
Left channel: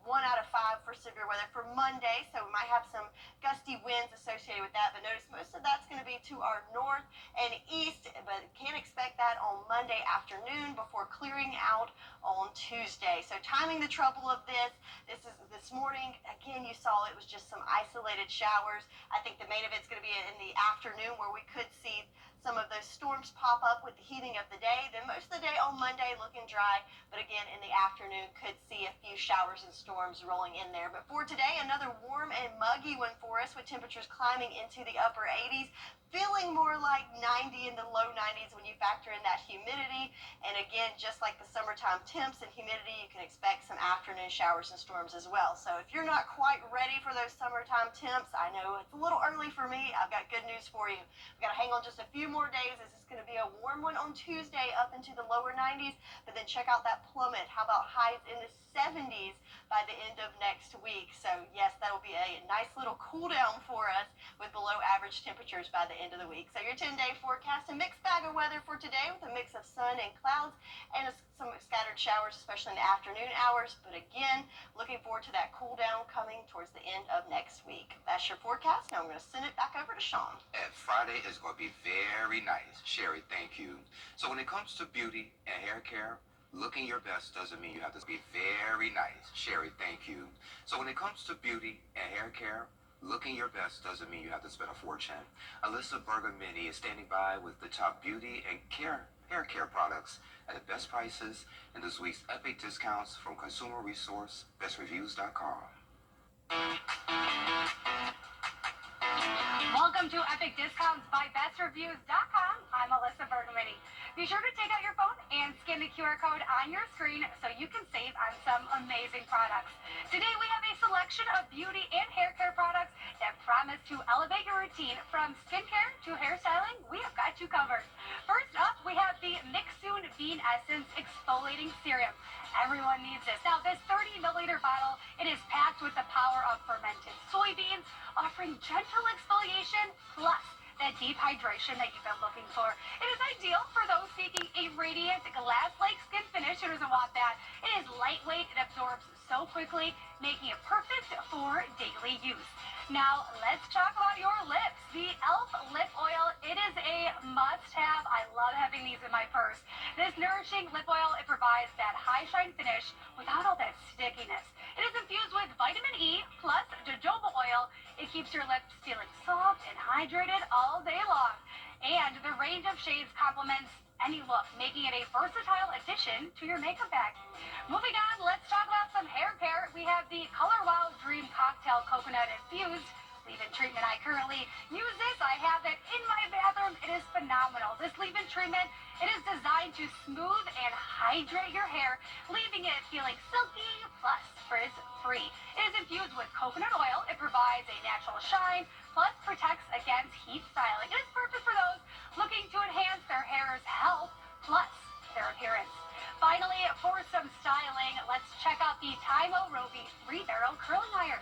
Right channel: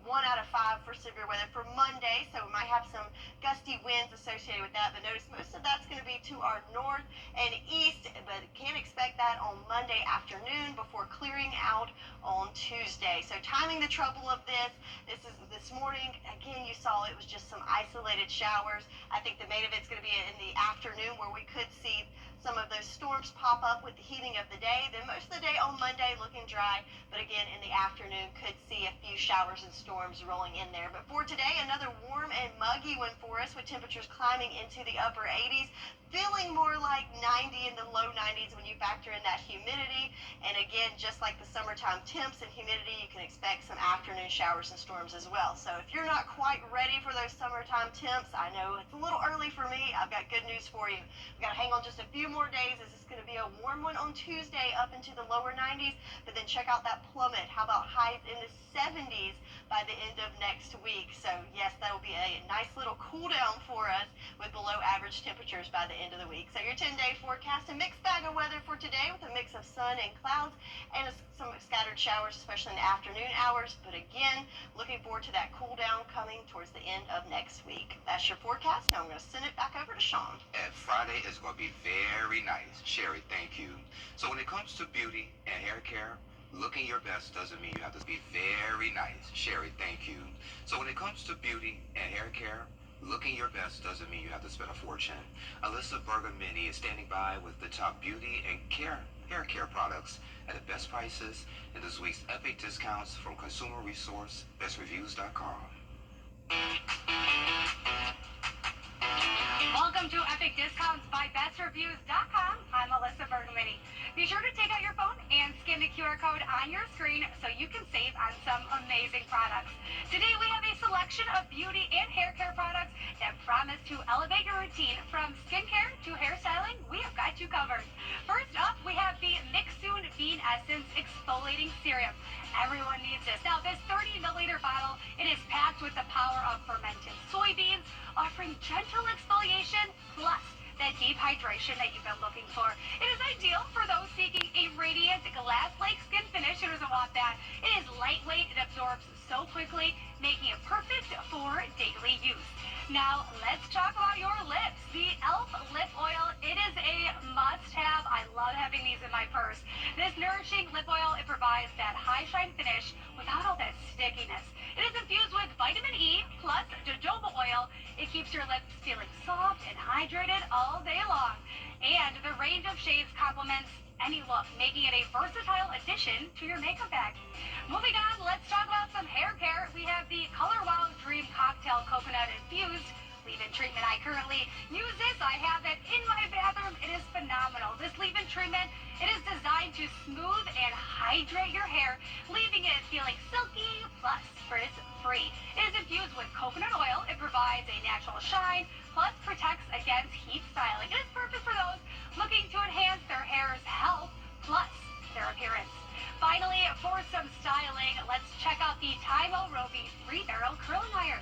1 out of 5 for severe weather for Monday, so we might have some gusty winds associated with that, but notice most of that's going to be to our north and east, but can't expect that on Monday afternoon before clearing out on Tuesday. So timing the trouble of this morning, again, you saw it was just some isolated showers. I think the main of it's going to be in the afternoon where we could see some of those storms pop up with the heating of the day. Then most of the day on Monday looking dry, but again in the afternoon could see a few showers and storms rolling in there. But for today, another warm and muggy one for us with temperatures climbing into the upper 80s. feeling more like 90 in the low 90s when you factor in that humidity. And again, just like the summertime temps and humidity, you can expect some afternoon showers and storms as well. So if you're not quite ready for those summertime temps, I know it's a little early for me. I've got good news for you. We've got to hang on just a few more days as it's going to be a warm one on Tuesday up into the lower 90s. But then check out that plummet. How about highs in the 70s by the end of next week? So yes, that'll be a nice little cool down for us with below average temperatures by the end of the week. So your 10-day forecast, a mixed bag of weather for today with a mix of sun and clouds and some scattered showers, especially in the afternoon hours. But again, looking forward to that cool down coming towards the end of next week. That's your forecast. Now I'm going to send it back over to Sean. And Friday is going to be very nice. Sherry, thank you. So when it comes to beauty and hair care, looking your best doesn't mean you have to be very nice. Sherry, thank you. So when it comes to beauty and hair care, looking your best doesn't mean you have to spend a fortune. Alyssa Berger-Mini is standing by with the top beauty and hair care products at the best prices in this week's epic discounts from consumer resource bestreviews.com. Welcome to Epic Discounts by BestReviews.com. I'm Alyssa Bergamini. Be sure to take out your phone and scan the QR code on your screen so you can save on some amazing products. Today we have a selection of beauty and hair care products that promise to elevate your routine from skincare to hairstyling. We have got you covered. First up, we have the Mixsoon Bean Essence Exfoliating Serum. Everyone needs this. Now, this 30-milliliter bottle, it is packed with the power of fermented soybeans, offering gentle exfoliation plus that deep hydration that you've been looking for. It is ideal for those seeking a radiant, glass-like skin finish. Who doesn't want that? It is lightweight. It absorbs so quickly, making it perfect for daily use. Now, let's talk about your lips. The e.l.f. Lip Oil, it is a must-have. I love having these in my purse. This nourishing lip oil, it provides that high-shine finish without all that stickiness. It is infused with vitamin E plus jojoba oil. It keeps your lips feeling soft and hydrated all day long. And the range of shades complements any look, making it a versatile addition to your makeup bag. Moving on, let's talk about some hair care. We have the Color Wow Dream Cocktail Coconut Infused leave-in treatment. I currently use this. I have it in my bathroom. It is phenomenal. This leave-in treatment, it is designed to smooth and hydrate your hair, leaving it feeling silky plus frizz-free. It is infused with coconut oil. It provides a natural shine, plus protects against heat styling. It is perfect for those looking to enhance their hair's health plus their appearance. Finally, for some styling, let's check out the Tymo Rovi 3-barrel curling iron.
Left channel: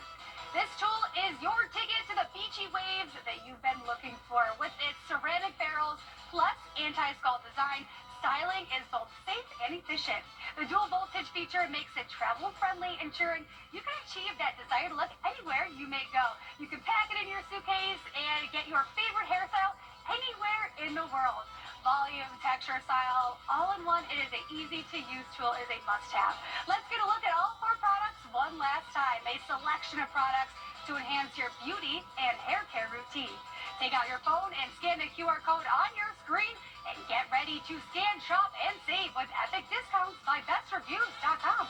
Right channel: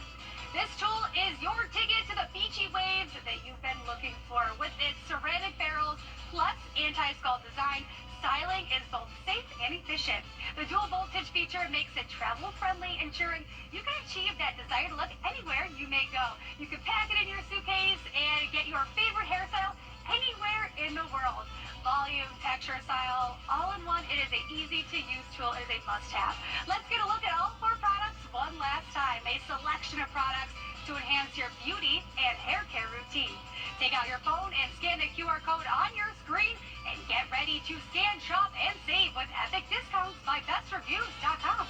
This tool is your ticket to the beachy waves that you've been looking for. With its ceramic barrels plus anti-scald design, styling is both safe and efficient. The dual voltage feature makes it travel friendly, ensuring you can achieve that desired look anywhere you may go. You can pack it in your suitcase and get your favorite hairstyle anywhere in the world. Volume, texture, style, all in one. It is an easy-to-use tool. It is a must-have. Let's get a look at all 4 products one last time. A selection of products to enhance your beauty and hair care routine. Take out your phone and scan the QR code on your screen and get ready to scan, shop, and save with epic discounts by BestReviews.com.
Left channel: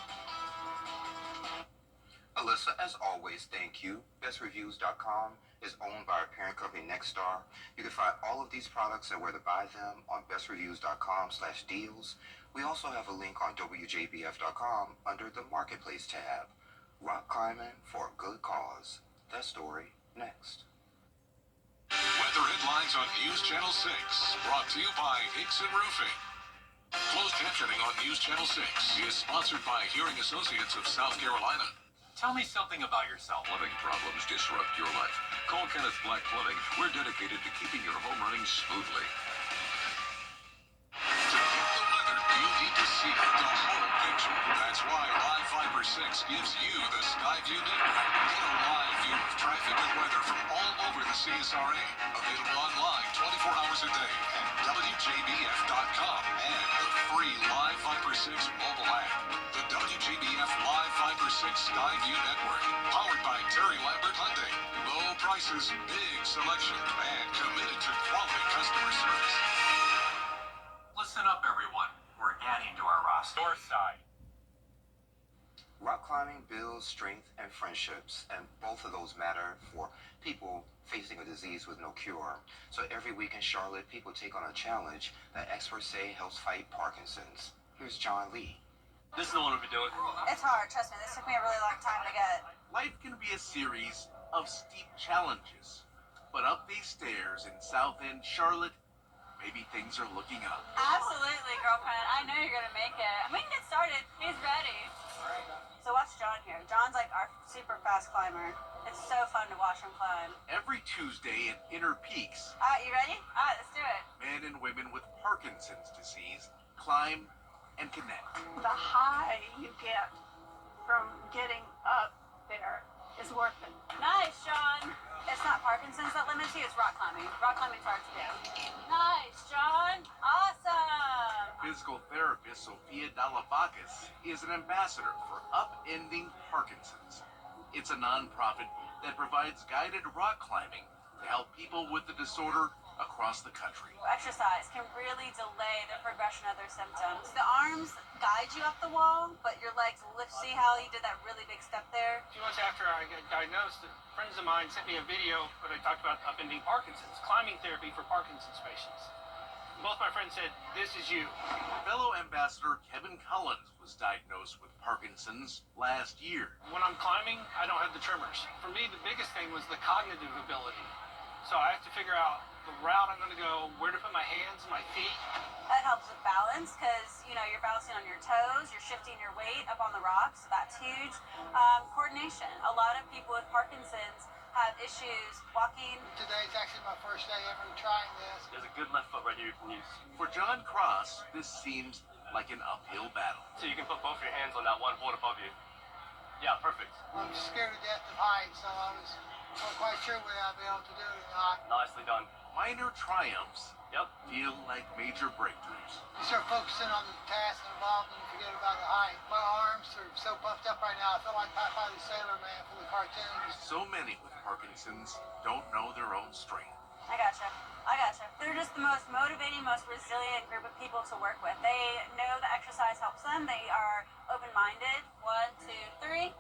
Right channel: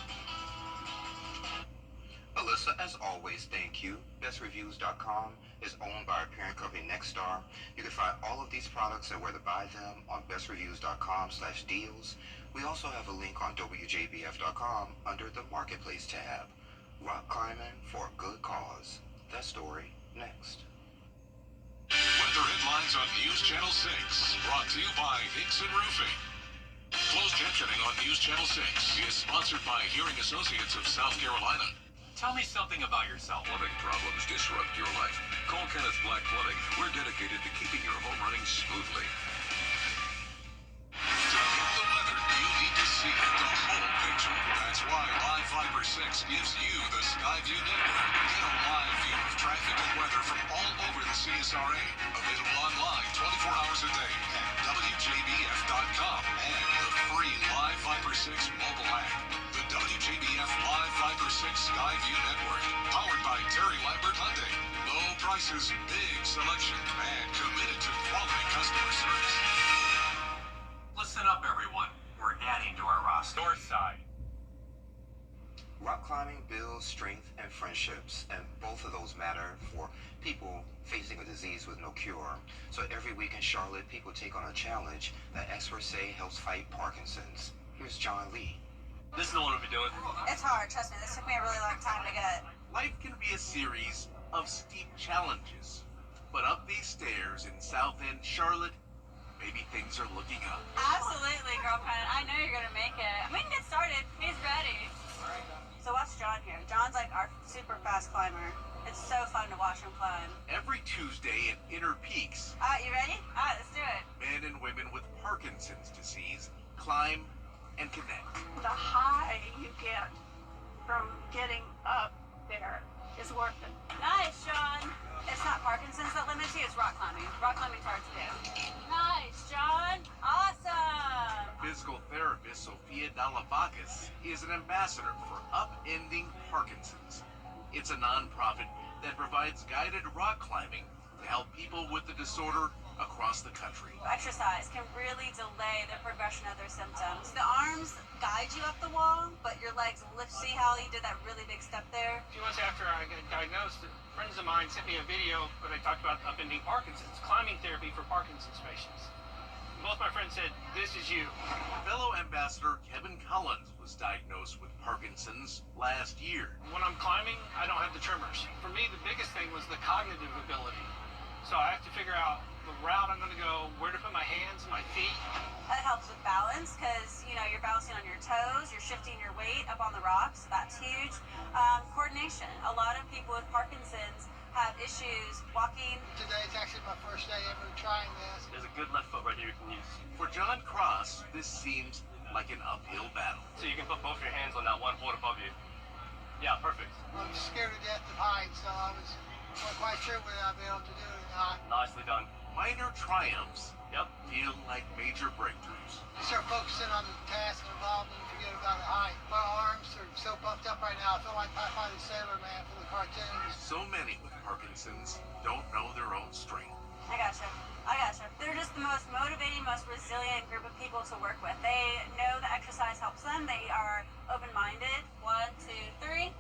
Alyssa, as always, thank you. BestReviews.com is owned by our parent company, Nexstar. You can find all of these products and where to buy them on BestReviews.com/deals. We also have a link on WJBF.com under the Marketplace tab. Rock climbing for a good cause. That story next. Weather headlines on News Channel 6, brought to you by Hickson Roofing. Closed captioning on News Channel 6 is sponsored by Hearing Associates of South Carolina. Tell me something about yourself. Plumbing problems disrupt your life. Call Kenneth Black Plumbing. We're dedicated to keeping your home running smoothly. To get the weather, you need to see the whole picture. That's why Live Fiber 6 gives you the Skyview network. Get a live view of traffic and weather from all over the CSRA. Available online 24 hours a day at WJBF.com and the free Live Fiber 6 mobile app. The WJBF Live Fiber 6 Skyview network, powered by Terry Lambert Hyundai. Low prices, big selection, and committed to quality customer service. Listen up, everyone. We're adding to our roster. North side. Rock climbing climbing builds strength and friendships, and both of those matter for people facing a disease with no cure. So every week in Charlotte, people take on a challenge that experts say helps fight Parkinson's. Here's John Lee. This is the one we'll be doing. It's hard, trust me. This took me a really long time to get. Life can be a series of steep challenges, but up these stairs in South End, Charlotte, maybe things are looking up. Absolutely, girlfriend. I know you're gonna make it. We can get started. He's ready. So watch John here. John's like our super fast climber. It's so fun to watch him climb. Every Tuesday at Inner Peaks, Alright, you ready? Alright, let's do it. men and women with Parkinson's disease climb and connect. The high you get from getting up there is worth it. Nice, John. It's not Parkinson's that limits you, it's rock climbing. Rock climbing's hard to do. Nice, John. Awesome. Physical therapist Sophia Dalabakis is an ambassador for Upending Parkinson's. It's a nonprofit that provides guided rock climbing to help people with the disorder across the country. Exercise can really delay the progression of their symptoms. The arms guide you up the wall, but your legs lift. See how he did that really big step there? A few months after I got diagnosed, friends of mine sent me a video where they talked about upending Parkinson's, climbing therapy for Parkinson's patients. Both my friends said, "This is you." Fellow ambassador Kevin Collins was diagnosed with Parkinson's last year. When I'm climbing, I don't have the tremors. For me, the biggest thing was the cognitive ability. So I have to figure out the route I'm going to go, where to put my hands, my feet. That helps with balance because, you know, you're balancing on your toes, you're shifting your weight up on the rocks. That's huge. Coordination. A lot of people with Parkinson's have issues walking. Today's actually my first day ever trying this. There's a good left foot right here you can use. For John Cross, this seems like an uphill battle. So you can put both your hands on that one foot above you. Yeah, perfect. I'm scared to death of heights, so I wasn't quite sure whether I'd be able to do it or not. Nicely done. Minor triumphs Yep. feel like major breakthroughs. You start focusing on the task involved and you forget about the height. My arms are so puffed up right now, I feel like Popeye the Sailor Man from the cartoons. So many with Parkinson's don't know their own strength. I gotcha. They're just the most motivating, most resilient group of people to work with. They know that exercise helps them. They are open-minded. 1, 2, 3.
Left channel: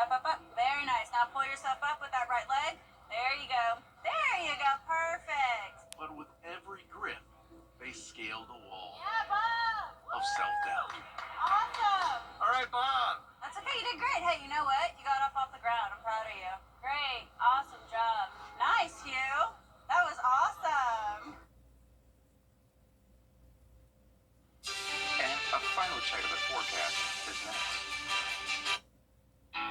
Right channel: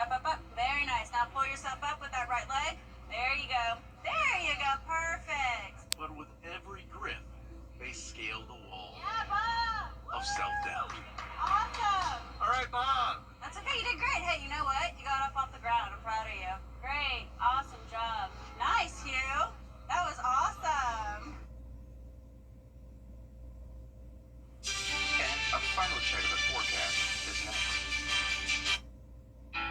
Up, up, up. Very nice. Now pull yourself up with that right leg. There you go. There you go. Perfect. But with every grip, they scale the wall Yeah, Bob. of self-doubt. Awesome. All right, Bob. That's okay. You did great. Hey, you know what? You got up off the ground. I'm proud of you. Great. Awesome job. Nice, Hugh. That was awesome. And a final check of the forecast is next.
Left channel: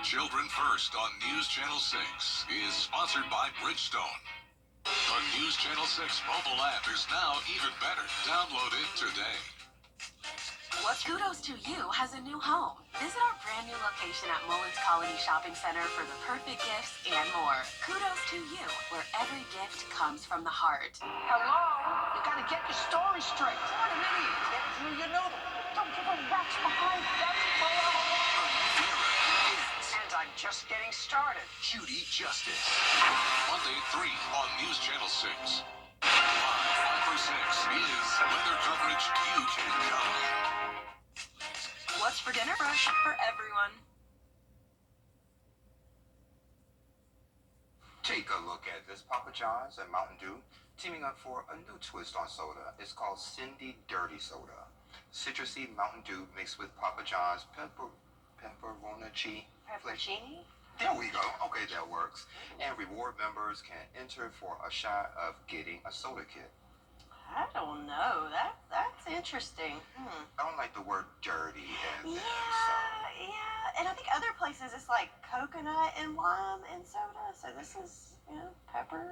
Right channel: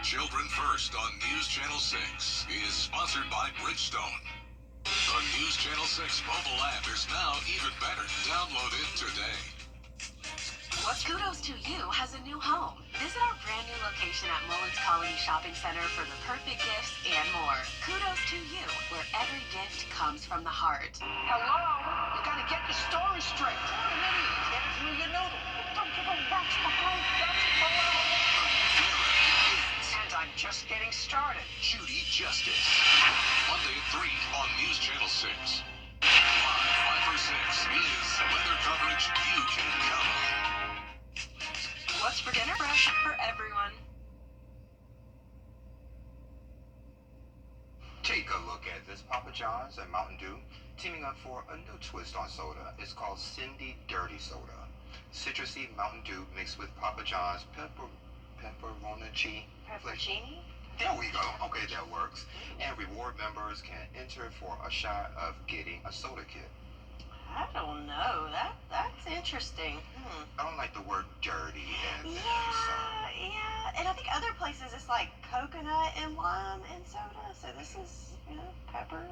Children First on News Channel 6 is sponsored by Bridgestone. The News Channel 6 mobile app is now even better. Download it today. What's Kudos to You has a new home. Visit our brand new location at Mullins Colony Shopping Center for the perfect gifts and more. Kudos to You, where every gift comes from the heart. Hello? You gotta get your story straight. What an idiot. Get it through your noodle. Don't give a rat's behind. That's below. And I'm just getting started. Judy Justice. Monday at 3 on News Channel 6. Live 5 or 6 is weather coverage you can count on. What's for dinner? Fresh for everyone. Take a look at this. Papa John's and Mountain Dew teaming up for a new twist on soda. It's called Cindy Dirty Soda. Citrusy Mountain Dew mixed with Papa John's pepperoni. Pepperoni? There we go. Okay, that works. And reward members can enter for a shot of getting a soda kit. I don't know. That's interesting. I don't like the word dirty and Yeah. And I think other places it's like coconut and lime and soda. So this is, pepper.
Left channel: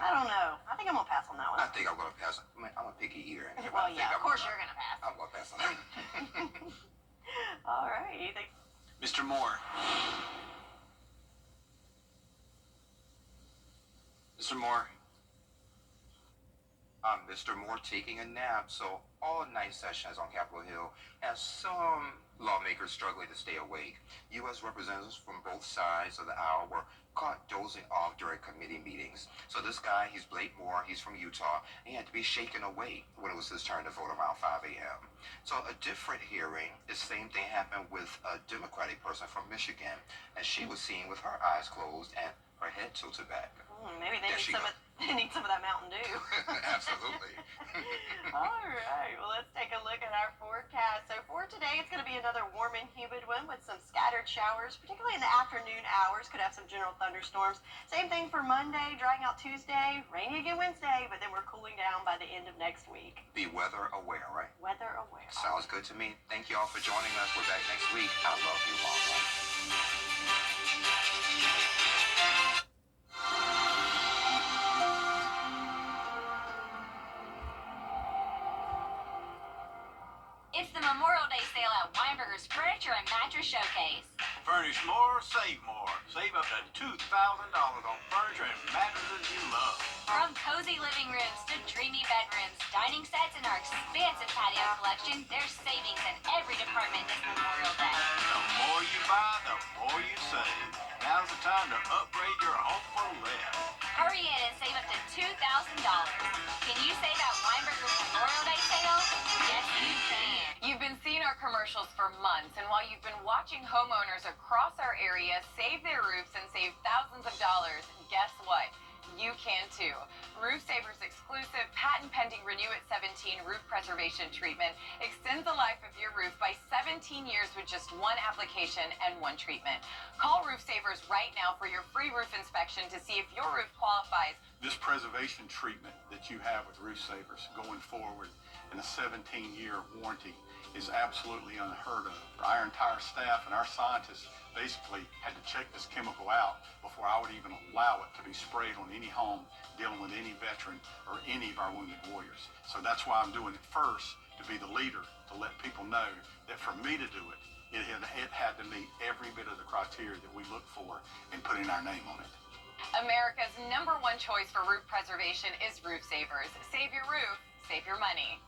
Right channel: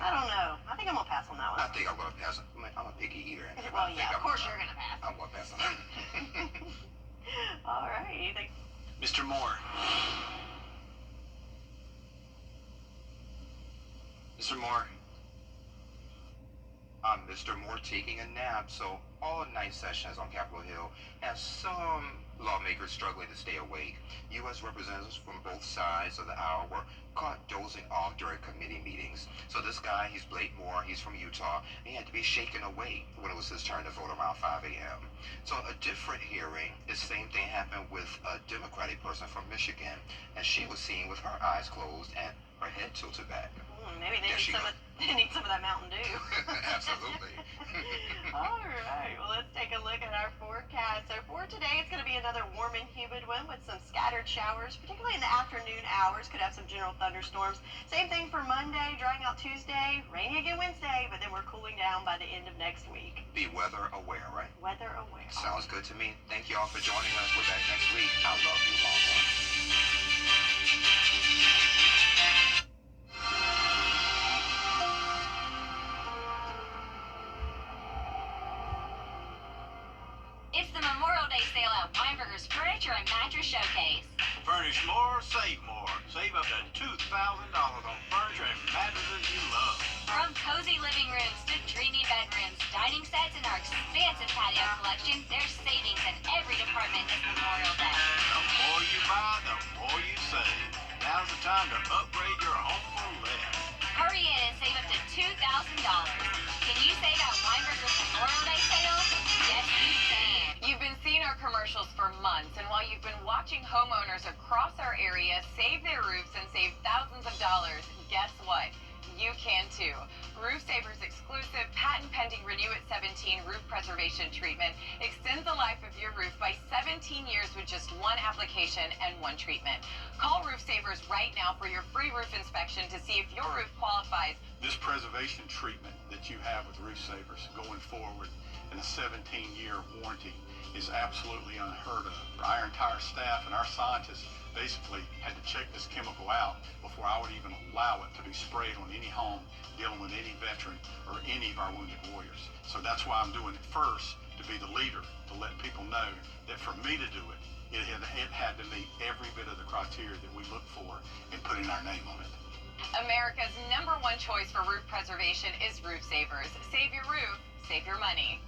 I don't know. I think I'm gonna pass on that one. I think I'm gonna pass. I'm a picky eater. Well, yeah, of course you're gonna pass. I'm gonna pass on that. All right. Mr. Moore. Mr. Moore. I'm Mr. Moore taking a nap, so all night sessions on Capitol Hill have some Lawmakers struggling to stay awake. U.S. representatives from both sides of the aisle were caught dozing off during committee meetings. So this guy, he's Blake Moore, he's from Utah. He had to be shaken awake when it was his turn to vote around 5 a.m. So a different hearing, the same thing happened with a Democratic person from Michigan, and she was seen with her eyes closed and her head tilted back. Maybe they need some of that Mountain Dew. Absolutely. All right. Well, let's take a look at our forecast. So for today, it's going to be another warm and humid one with some scattered showers, particularly in the afternoon hours. Could have some general thunderstorms. Same thing for Monday, drying out Tuesday, rainy again Wednesday, but then we're cooling down by the end of next week. Be weather aware, right? Weather aware. Sounds good to me. Thank you all for joining us. We're back next week. I love you, Long Run. It's the Memorial Day sale at Weinberger's Furniture and Mattress Showcase. Furnish more, save more. Save up to $2,000 on furniture and mattresses you love. From cozy living rooms to dreamy bedrooms, dining sets, and our expansive patio collection, there's savings in every department this Memorial Day. The more you buy, the more you save. Now's the time to upgrade your home for less. Hurry in and save up to $2,000. Can you save at Weinberger's Memorial Day sale? Yes, you can. You've been seeing our commercials for months, and while you've been watching homeowners across our area save their roofs and save thousands of dollars, guess what? You can too. Roof Saver's exclusive patent-pending Renew at 17 roof preservation treatment extends the life of your roof by 17 years with just one application and one treatment. Call Roof Savers right now for your free roof inspection to see if your roof qualifies. This preservation treatment that you have with Roof Savers going forward in a 17-year warranty is absolutely unheard of. Our entire staff and our scientists basically had to check this chemical out before I would even allow it to be sprayed on any home dealing with any veteran or any of our wounded warriors. So that's why I'm doing it first, to be the leader, to let people know that for me to do it, it had to meet every bit of the criteria that we look for in putting our name on it. America's #1 choice for roof preservation is Roof Savers. Save your roof, save your money.